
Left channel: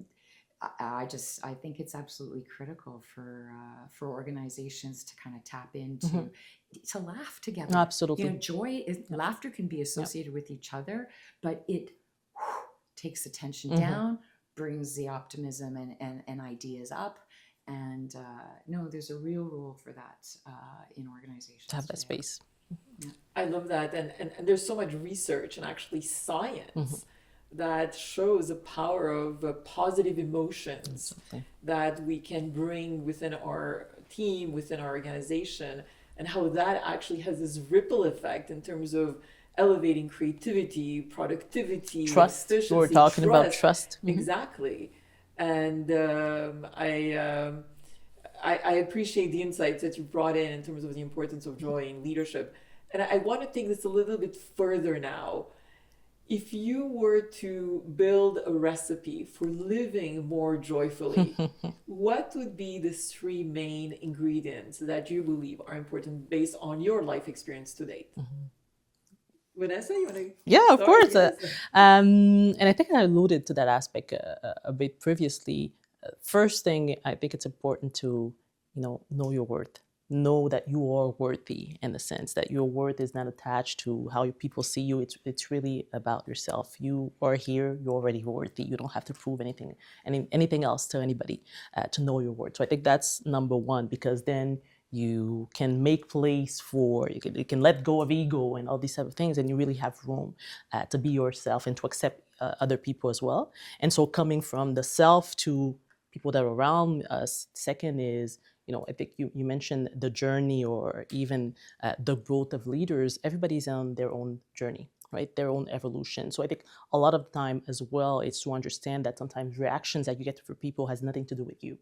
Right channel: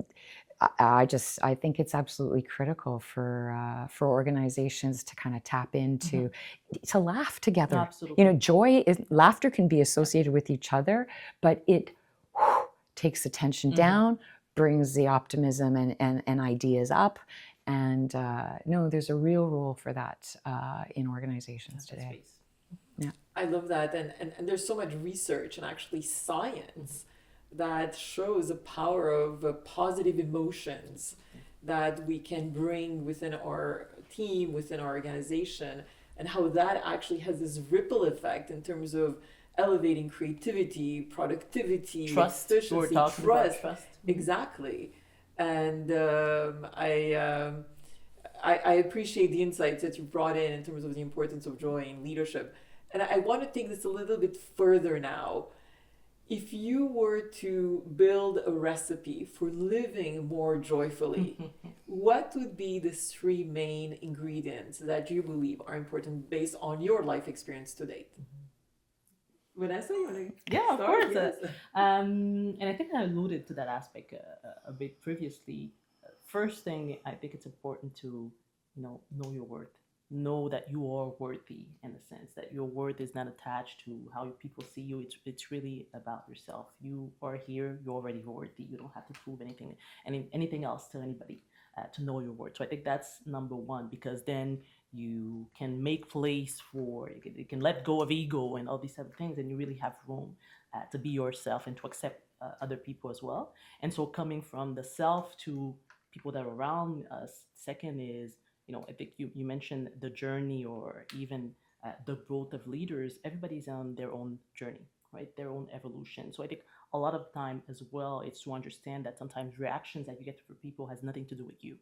I think it's absolutely critical for organizations to kind of tap into, to laugh together. Absolutely. You know, laughter can be associated with each other, but it takes the tension down, brings the optimism and ideas up. And no, there's a real role for that in organizations To have that today. space. Yeah. I love that. And there's so much research and actually science that shows the power of positive emotions that we can bring within our team, within our organization, and how that actually has this ripple effect in terms of elevating creativity, productivity, Trust. efficiency, We're talking about trust. Exactly. And I appreciate the insights that you brought in terms of the importance of joy in leadership. And I want to take this a little bit further now. If you were to build a recipe for living more joyfully, what would be the 3 main ingredients that you believe are important based on your life experience to date? Vanessa, you want to? Yeah, of course. Yes. And I think I alluded to that aspect a bit previously. First thing, I think it's important to, know your worth. Know that you are worthy, in the sense that your worth is not attached to how people see you. It's really about yourself. You are here. You're already worthy. You don't have to prove anything else to anybody to know your worth. So I think that's number one, because then you can make place for, you can let go of ego and all these type of things, and you really have room to be yourself and to accept other people as well. And so coming from the self to people that are around us. Second is, I think you mentioned the journey, or even the growth of leaders. Everybody's on their own journey, right? Their own evolution. So I think a lot of the time as well, it's to understand that sometimes reactions that you get from people has nothing to do with you.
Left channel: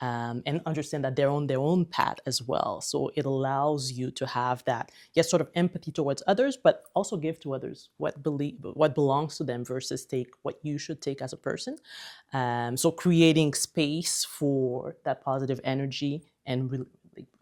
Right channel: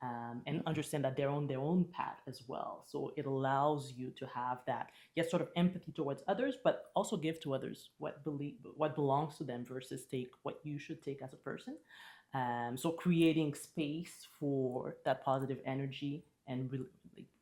And understand that they're on their own path as well. So it allows you to have that, yes, sort of empathy towards others, but also give to others what belongs to them versus take what you should take as a person. So creating space for that positive energy and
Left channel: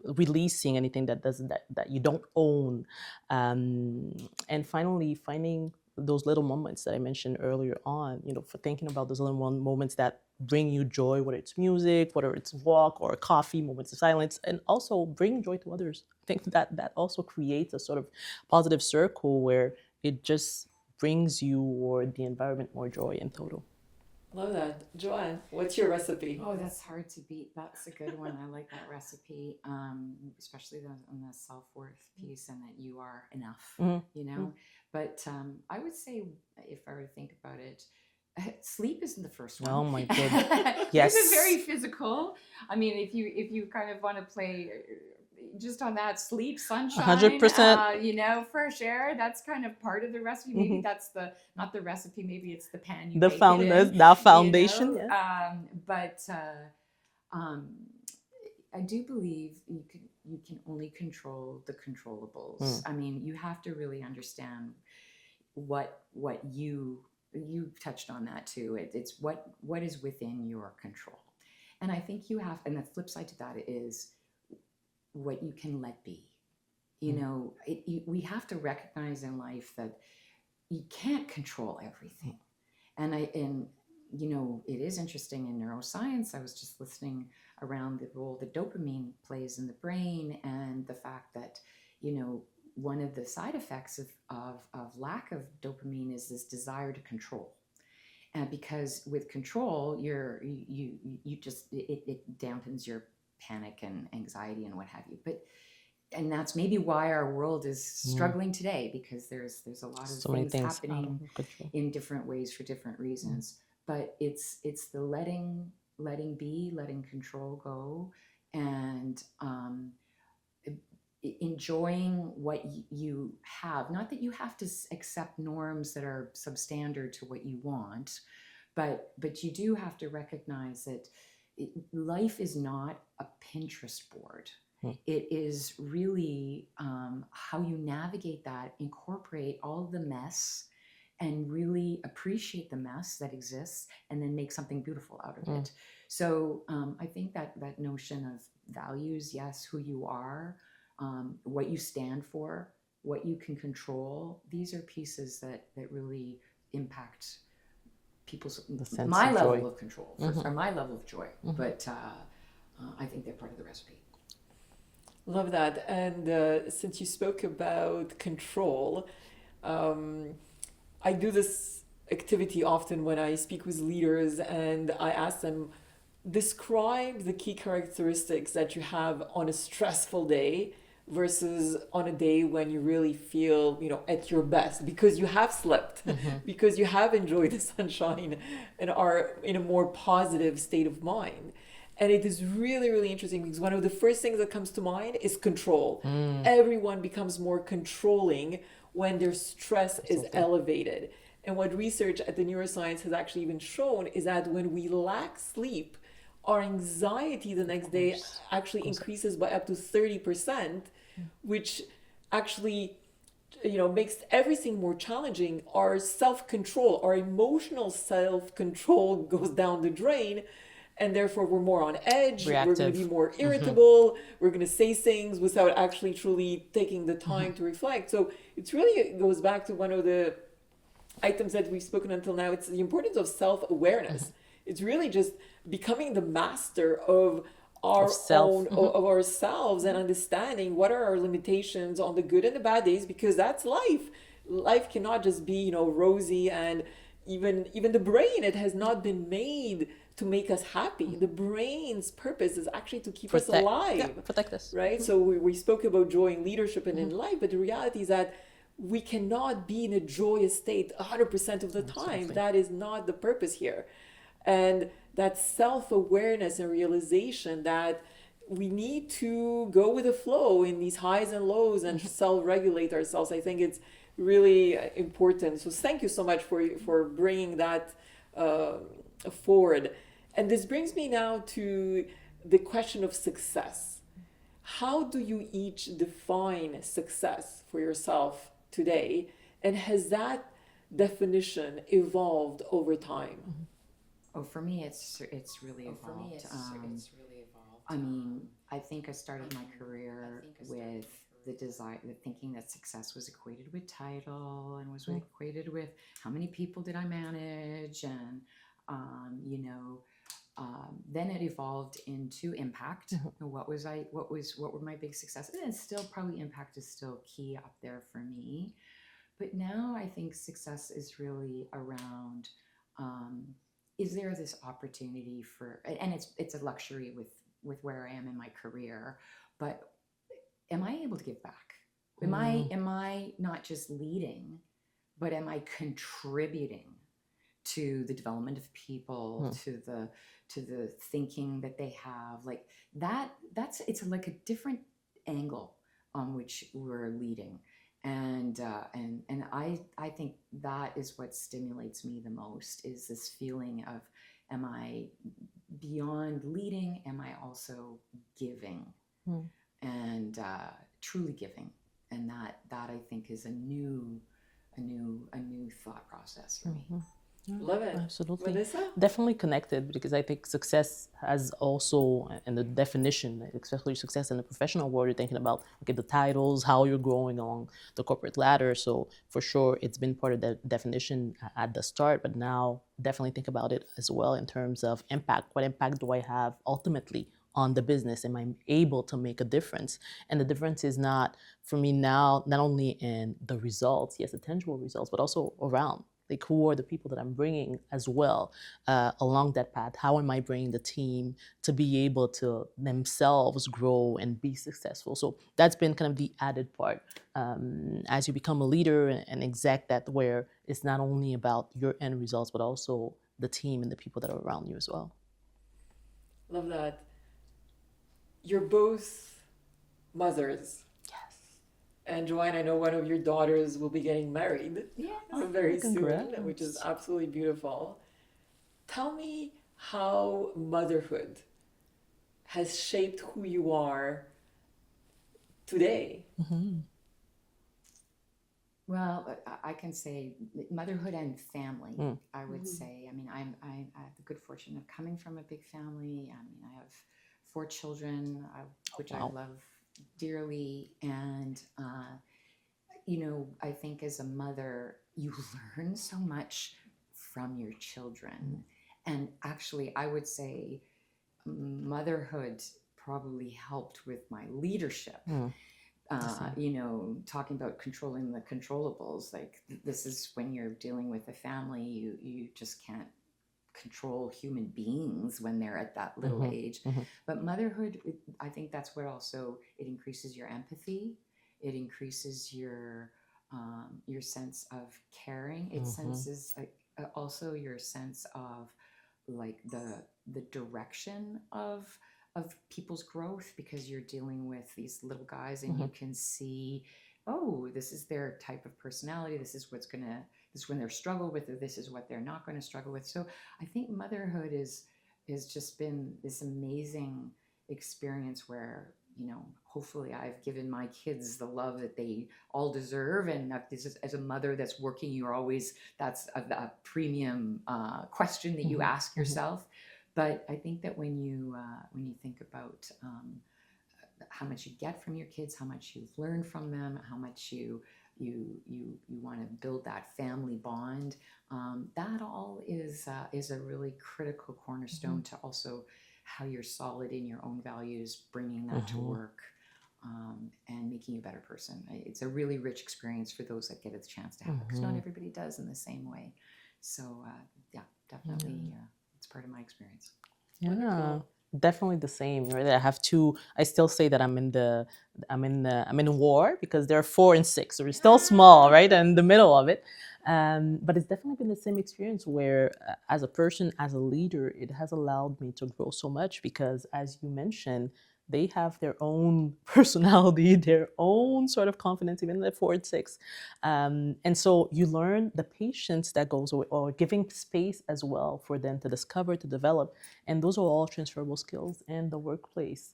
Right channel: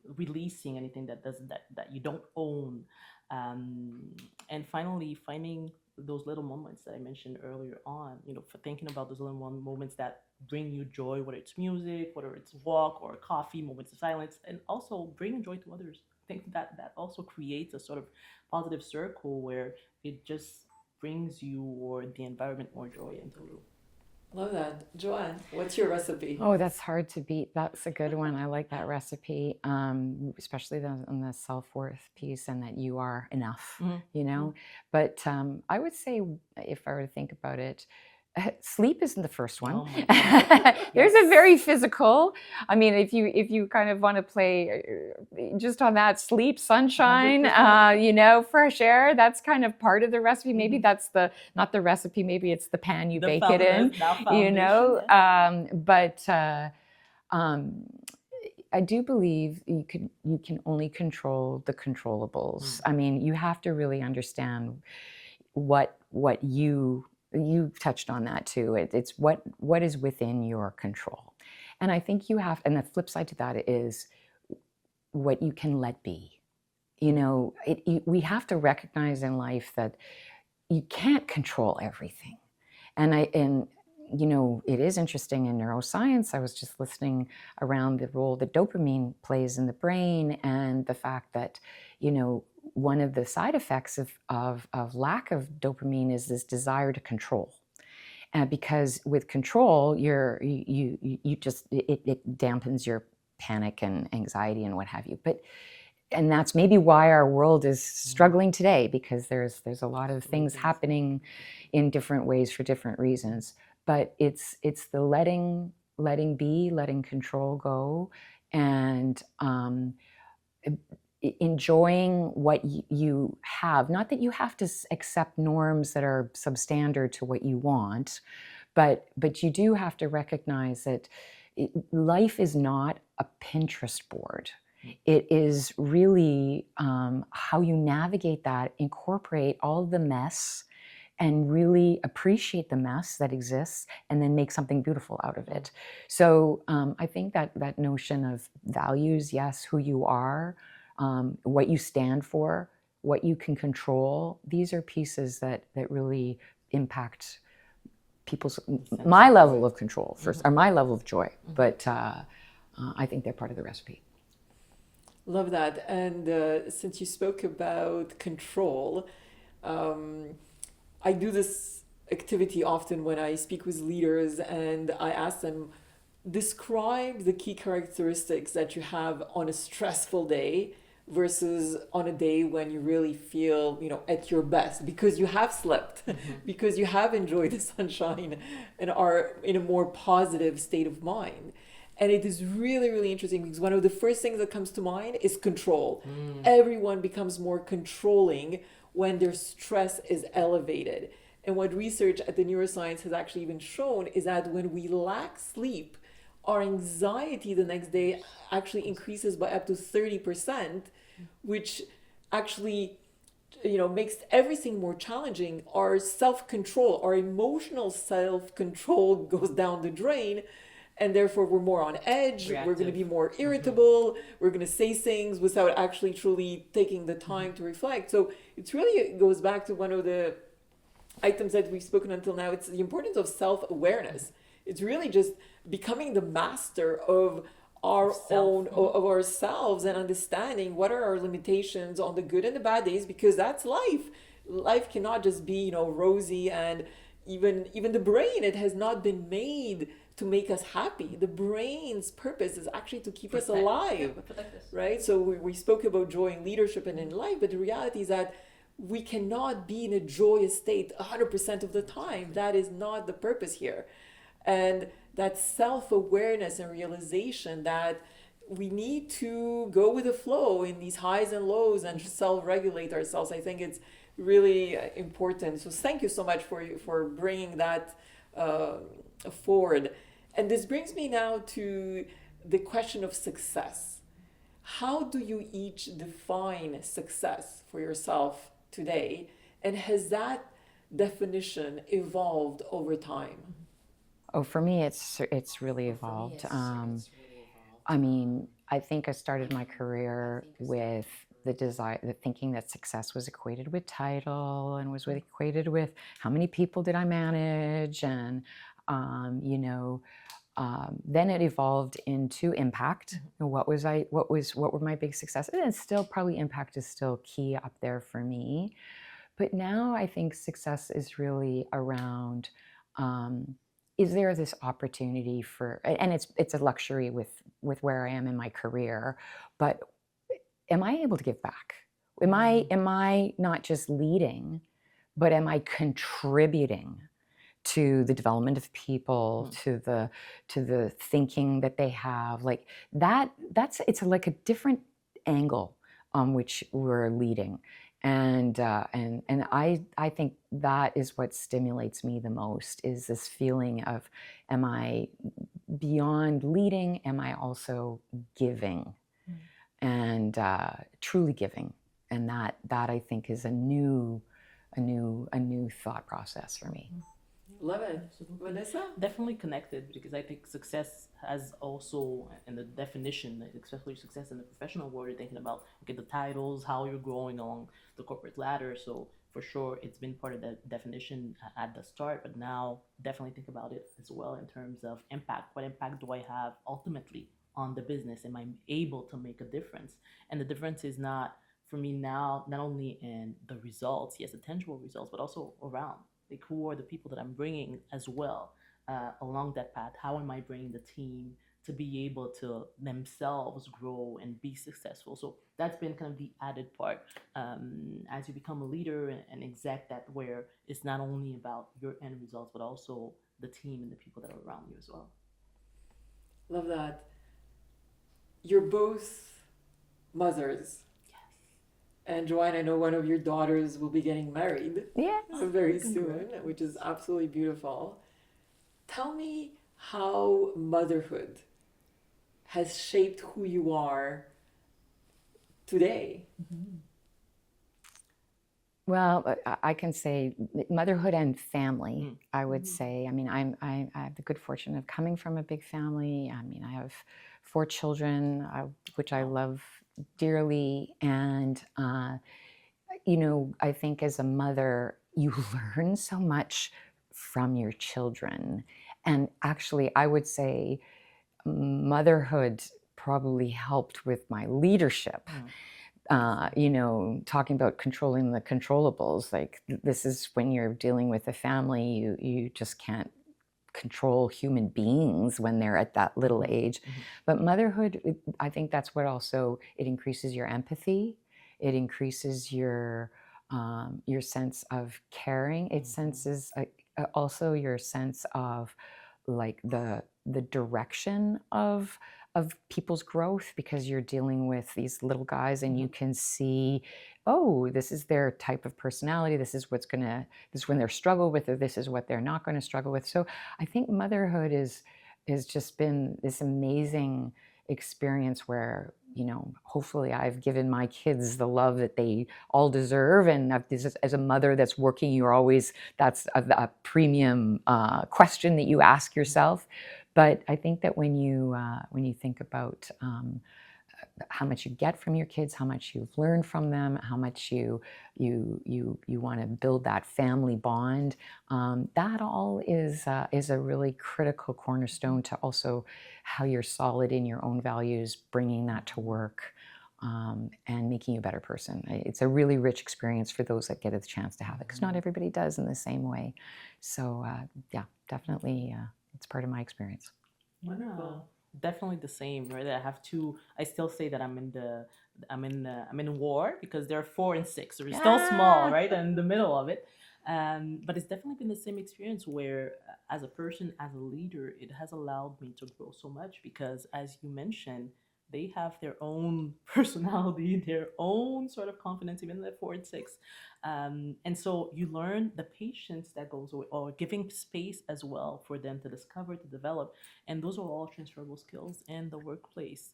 releasing anything that you don't own. And finally, finding those little moments that I mentioned earlier on, for thinking about those little moments that bring you joy, whether it's music, whether it's walk or coffee, moments of silence, and also bring joy to others. I think that also creates a sort of positive circle where it just brings you or the environment more joy in total. Love that. Joanne, what's your recipe? Oh, that's hard to beat. That's a good one. I like that recipe, especially on the self-worth piece, and that you are enough, But I would say, if I were to think about it, sleep isn't the first one. Oh my God. There's a very physical. I mean, if you kind of want to play just on that, sleep, sunshine, 100%. fresh air. That's kind of part of the recipe. Maybe that's not the recipe. Maybe it's the pan you bake it in. That foundation. But I do believe you can only control the controllables. I mean, you have to really understand what you touched on that too. It's what is within your control. And I think and the flip side to that is what you can let be. We have to recognize in life that you can't control everything. And it is interesting in neuroscience. I was just listening around the role that dopamine plays in the brain, and the fact that, one of the side effects of lack of dopamine is this desire to control. Because with control, it dampens your panic and anxiety and what have you. And that's maybe why our world is struggling today, because there's a lot of things happening in different ways for different reasons. But it's the letting be, letting control go, and enjoying what you have. Not that you have to accept norms that are substandard to what you want, but you do have to recognize that life is not a Pinterest board. It is really how you navigate that, incorporate all the mess, and really appreciate the mess that exists, and then make something beautiful out of it. So I think that notion of values, yes, who you are, what you stand for, what you can control, these are pieces that really impact people's sense my of level joy. of control first, or my level of joy. But I think they're part of the recipe. Love that. And since you spoke about control, I do this activity often when I speak with leaders and I ask them, describe the key characteristics that you have on a stressful day versus on a day when you really feel, at your best because you have slept, because you have enjoyed the sunshine and are in a more positive state of mind. And it is really, really interesting because one of the first things that comes to mind is control. Everyone becomes more controlling when their stress is elevated. And what research at the neuroscience has actually even shown is that when we lack sleep, our anxiety the next day actually increases by up to 30%, which actually makes everything more challenging. Our self-control, our emotional self-control goes down the drain, and therefore we're more on edge. Reactive. We're going to be more irritable. We're going to say things without actually truly taking the time to reflect. So it goes back to one of the items that we've spoken until now. It's the importance of self-awareness. It's really just becoming the master of our own, of ourselves, and understanding what are our limitations on the good and the bad days, because that's life. Life cannot just be, rosy, and even the brain, it has not been made to make us happy. The brain's purpose is actually to keep us alive. Yeah, protect us. Right? So we spoke about joy in leadership and in life, but the reality is that we cannot be in a joyous state 100% of the time. Exactly. That is not the purpose here. And that self-awareness and realization that we need to go with the flow in these highs and lows and self-regulate ourselves, I think it's really important. So thank you so much for bringing that forward. And this brings me now to the question of success. How do you each define success for yourself today? And has that definition evolved over time? Oh, for me, it's really evolved. I mean, I think I started my career with the desire, the thinking that success was equated with title and was equated with how many people did I manage, and then it evolved into impact. What were my big successes? And still, probably impact is still key up there for me. But now I think success is really around. Is there this opportunity for, and it's a luxury with where I am in my career, but am I able to give back? Am I not just leading, but am I contributing to the development of people, to the thinking that they have? Like it's like a different angle on which we're leading. And I think that is what stimulates me the most, is this feeling of, am I beyond leading? Am I also giving, and truly giving? And that I think is a new thought process for me. Love it. Absolutely. Vanessa? Definitely connected, because I think success has also, and the definition, especially success in the professional world, you're thinking about, okay, the titles, how you're growing on the corporate ladder. So for sure, it's been part of the definition at the start, but now definitely think about it as well in terms of impact. What impact do I have ultimately on the business? Am I able to make a difference? And the difference is not, for me now, not only in the results, yes, the tangible results, but also around. Like, who are the people that I'm bringing as well along that path? How am I bringing the team to be able to themselves grow and be successful? So that's been kind of the added part as you become a leader and exec, that where it's not only about your end results, but also the team and the people that are around you as well. Love that. You're both mothers. And Joanne, I know one of your daughters will be getting married very soon, which is absolutely beautiful. Tell me how motherhood has shaped who you are today. Well, I can say motherhood and family, I would say. I mean, I have the good fortune of coming from a big family. I mean, I have 4 children, which I love dearly. And, I think as a mother, you learn so much from your children. And actually, I would say motherhood probably helped with my leadership. Talking about controlling the controllables, like this is when you're dealing with a family, you just can't control human beings when they're at that little age. But motherhood, I think that's what also, it increases your empathy. It increases your sense of caring. It senses also your sense of like the direction of people's growth, because you're dealing with these little guys and you can see, oh, this is their type of personality, this is when they're struggle with, or this is what they're not going to struggle with. So I think motherhood has just been this amazing experience where, hopefully I've given my kids the love that they all deserve. And as a mother that's working, that's a premium question that you ask yourself. But I think that when you think about how much you get from your kids, how much you've learned from them, how much you want to build that family bond, that all is a really critical cornerstone to also how you're solid in your own values, bringing that to work, and making you a better person. It's a really rich experience for those that get a chance to have it, because not everybody does in the same way. So yeah, definitely, it's part of my experience. Yeah, definitely the same. Right? I still say that I'm in war, because they're 4 and 6, so we're still small, right? And in the middle of it. But it's definitely been the same experience where, as a person, as a leader, it has allowed me to grow so much, because, as you mentioned, they have their own personality, their own sort of confidence, even at 4 and 6. And so you learn the patience that goes away, or giving space as well for them to discover, to develop. And those are all transferable skills in the workplace.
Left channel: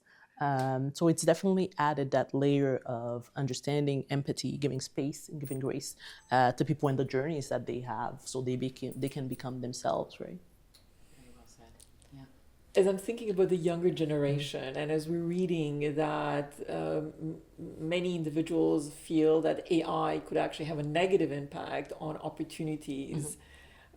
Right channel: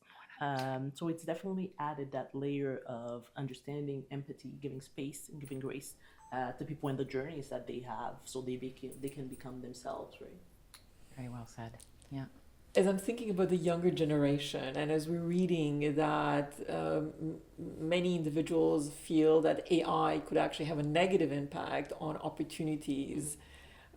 So it's definitely added that layer of understanding, empathy, giving space, and giving grace to people in the journeys that they have, so they can become themselves, right? Very well said. Yeah. As I'm thinking about the younger generation, and as we're reading that many individuals feel that AI could actually have a negative impact on opportunities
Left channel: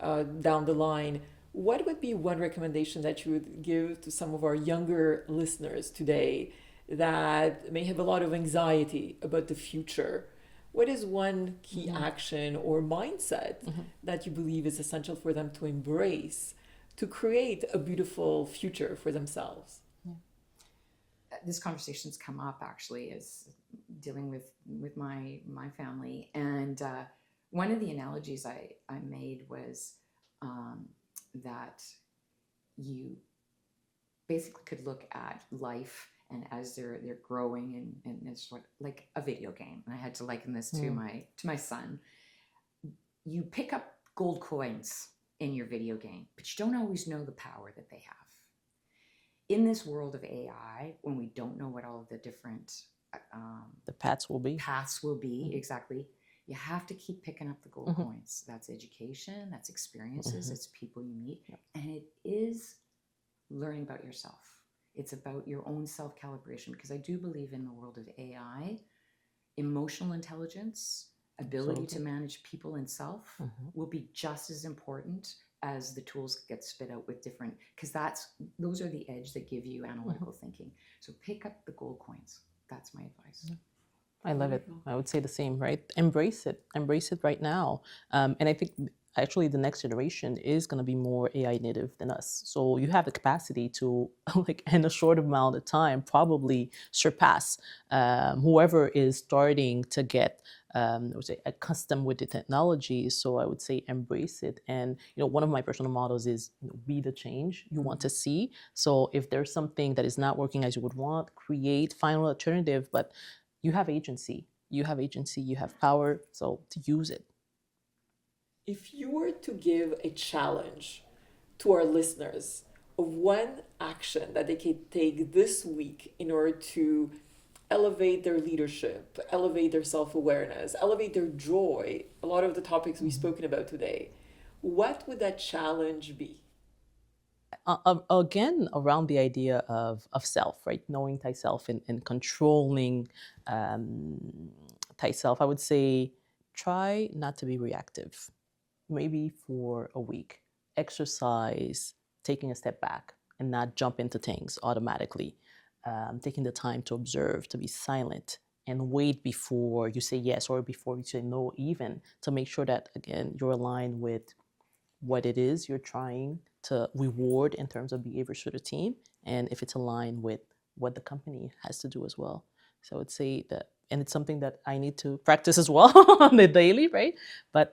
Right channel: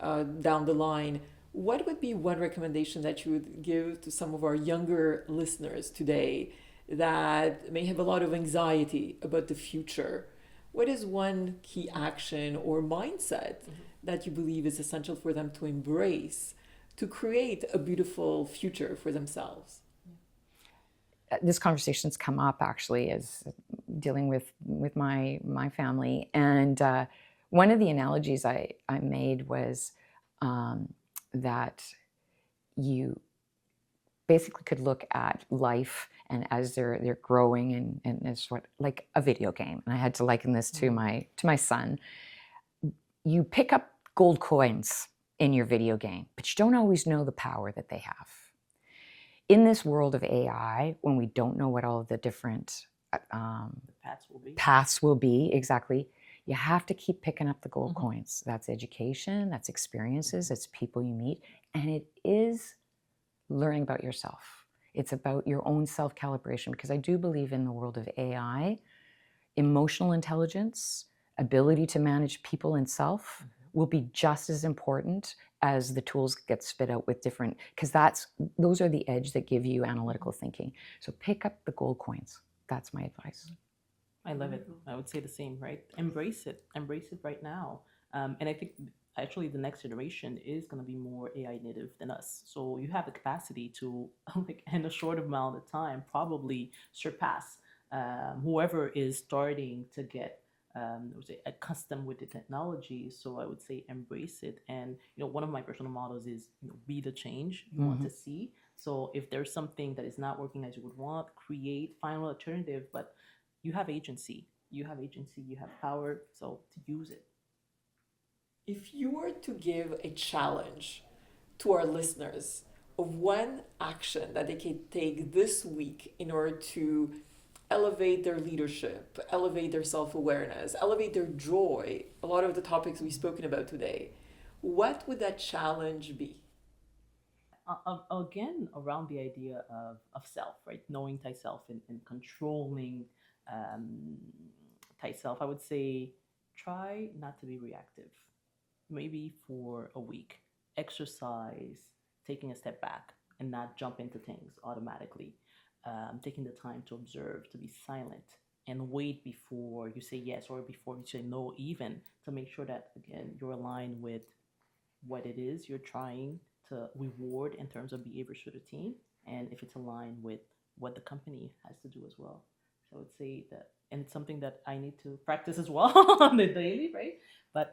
down the line, what would be one recommendation that you would give to some of our younger listeners today that may have a lot of anxiety about the future? What is one key action or mindset that you believe is essential for them to embrace to create a beautiful future for themselves? This conversation's come up actually as dealing with my family, and one of the analogies I made was that you basically could look at life, and as they're growing, and it's like a video game, and I had to liken this to my son. You pick up gold coins in your video game, but you don't always know the power that they have. In this world of AI, when we don't know what all of the different the paths will be, exactly, you have to keep picking up the gold coins. That's education, that's experiences, it's people you meet, and it is learning about yourself. It's about your own self-calibration, because I do believe in the world of AI, emotional intelligence, ability to manage people and self will be just as important as the tools get spit out with different, because those are the edge that give you analytical thinking. So pick up the gold coins. That's my advice. I love it. I would say the same, right? Embrace it right now. And I think actually the next generation is going to be more AI native than us. So you have the capacity to, like, in a short amount of time, probably surpass whoever is starting to get I would say accustomed with the technology. So I would say embrace it. And one of my personal mottos is be the change you want to see. So if there's something that is not working as you would want, find an alternative. But you have agency. You have power. So to use it. If you were to give a challenge to our listeners of one action that they can take this week in order to elevate their leadership, elevate their self-awareness, elevate their joy, a lot of the topics we've spoken about today, what would that challenge be? Again, around the idea of self, right? Knowing thyself and controlling thyself, I would say try not to be reactive. maybe for a week, exercise, taking a step back and not jump into things automatically, taking the time to observe, to be silent, and wait before you say yes or before you say no, even to make sure that, again, you're aligned with what it is you're trying to reward in terms of behaviors for the team, and if it's aligned with what the company has to do as well. So I would say that, and it's something that I need to practice as well on the daily, right? But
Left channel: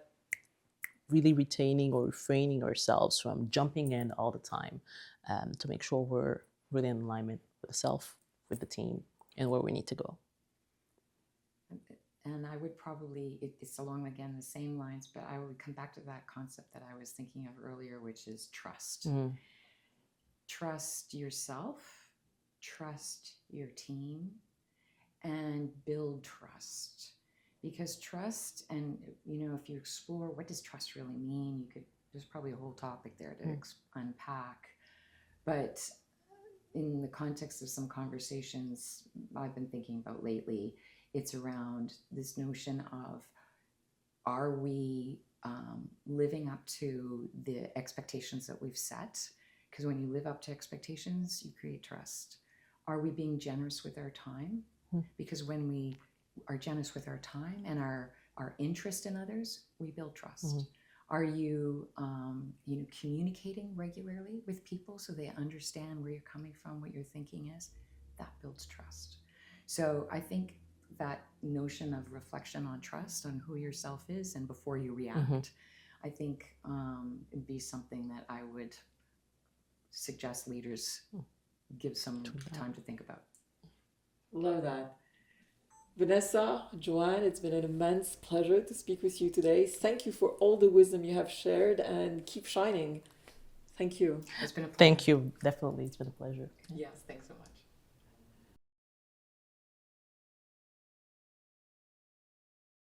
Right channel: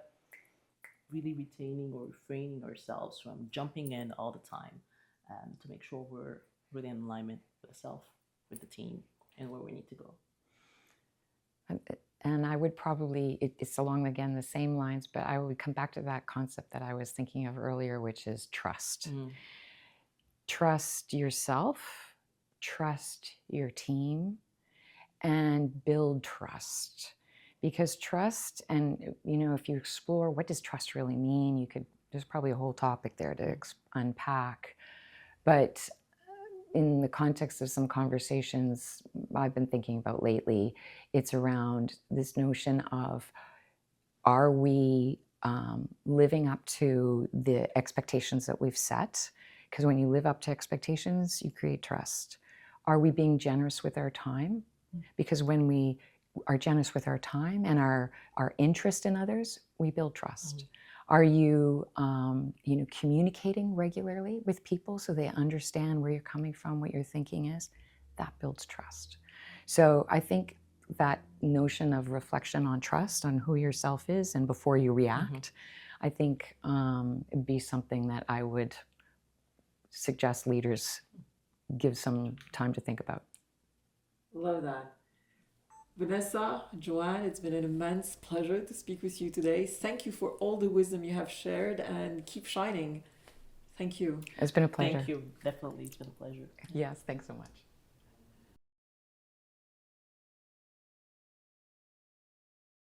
really retaining or refraining ourselves from jumping in all the time, to make sure we're really in alignment with the self, with the team, and where we need to go. And I would probably, it's along, again, the same lines, but I would come back to that concept that I was thinking of earlier, which is trust. Mm-hmm. Trust yourself, trust your team, and build trust. Because trust, and if you explore what does trust really mean, there's probably a whole topic there to unpack. But in the context of some conversations I've been thinking about lately, it's around this notion of, are we living up to the expectations that we've set? Because when you live up to expectations, you create trust. Are we being generous with our time? Because when we are generous with our time and our interest in others, we build trust. Are you, communicating regularly with people so they understand where you're coming from, what your thinking is? That builds trust. So I think that notion of reflection on trust, on who yourself is, and before you react, I think it'd be something that I would suggest leaders give some time to think about. Love that. Vanessa, Joanne, it's been an immense pleasure to speak with you today. Thank you for all the wisdom you have shared, and keep shining. Thank you. It's been a pleasure. Thank you. Definitely, it's been a pleasure. Yes, thanks so much.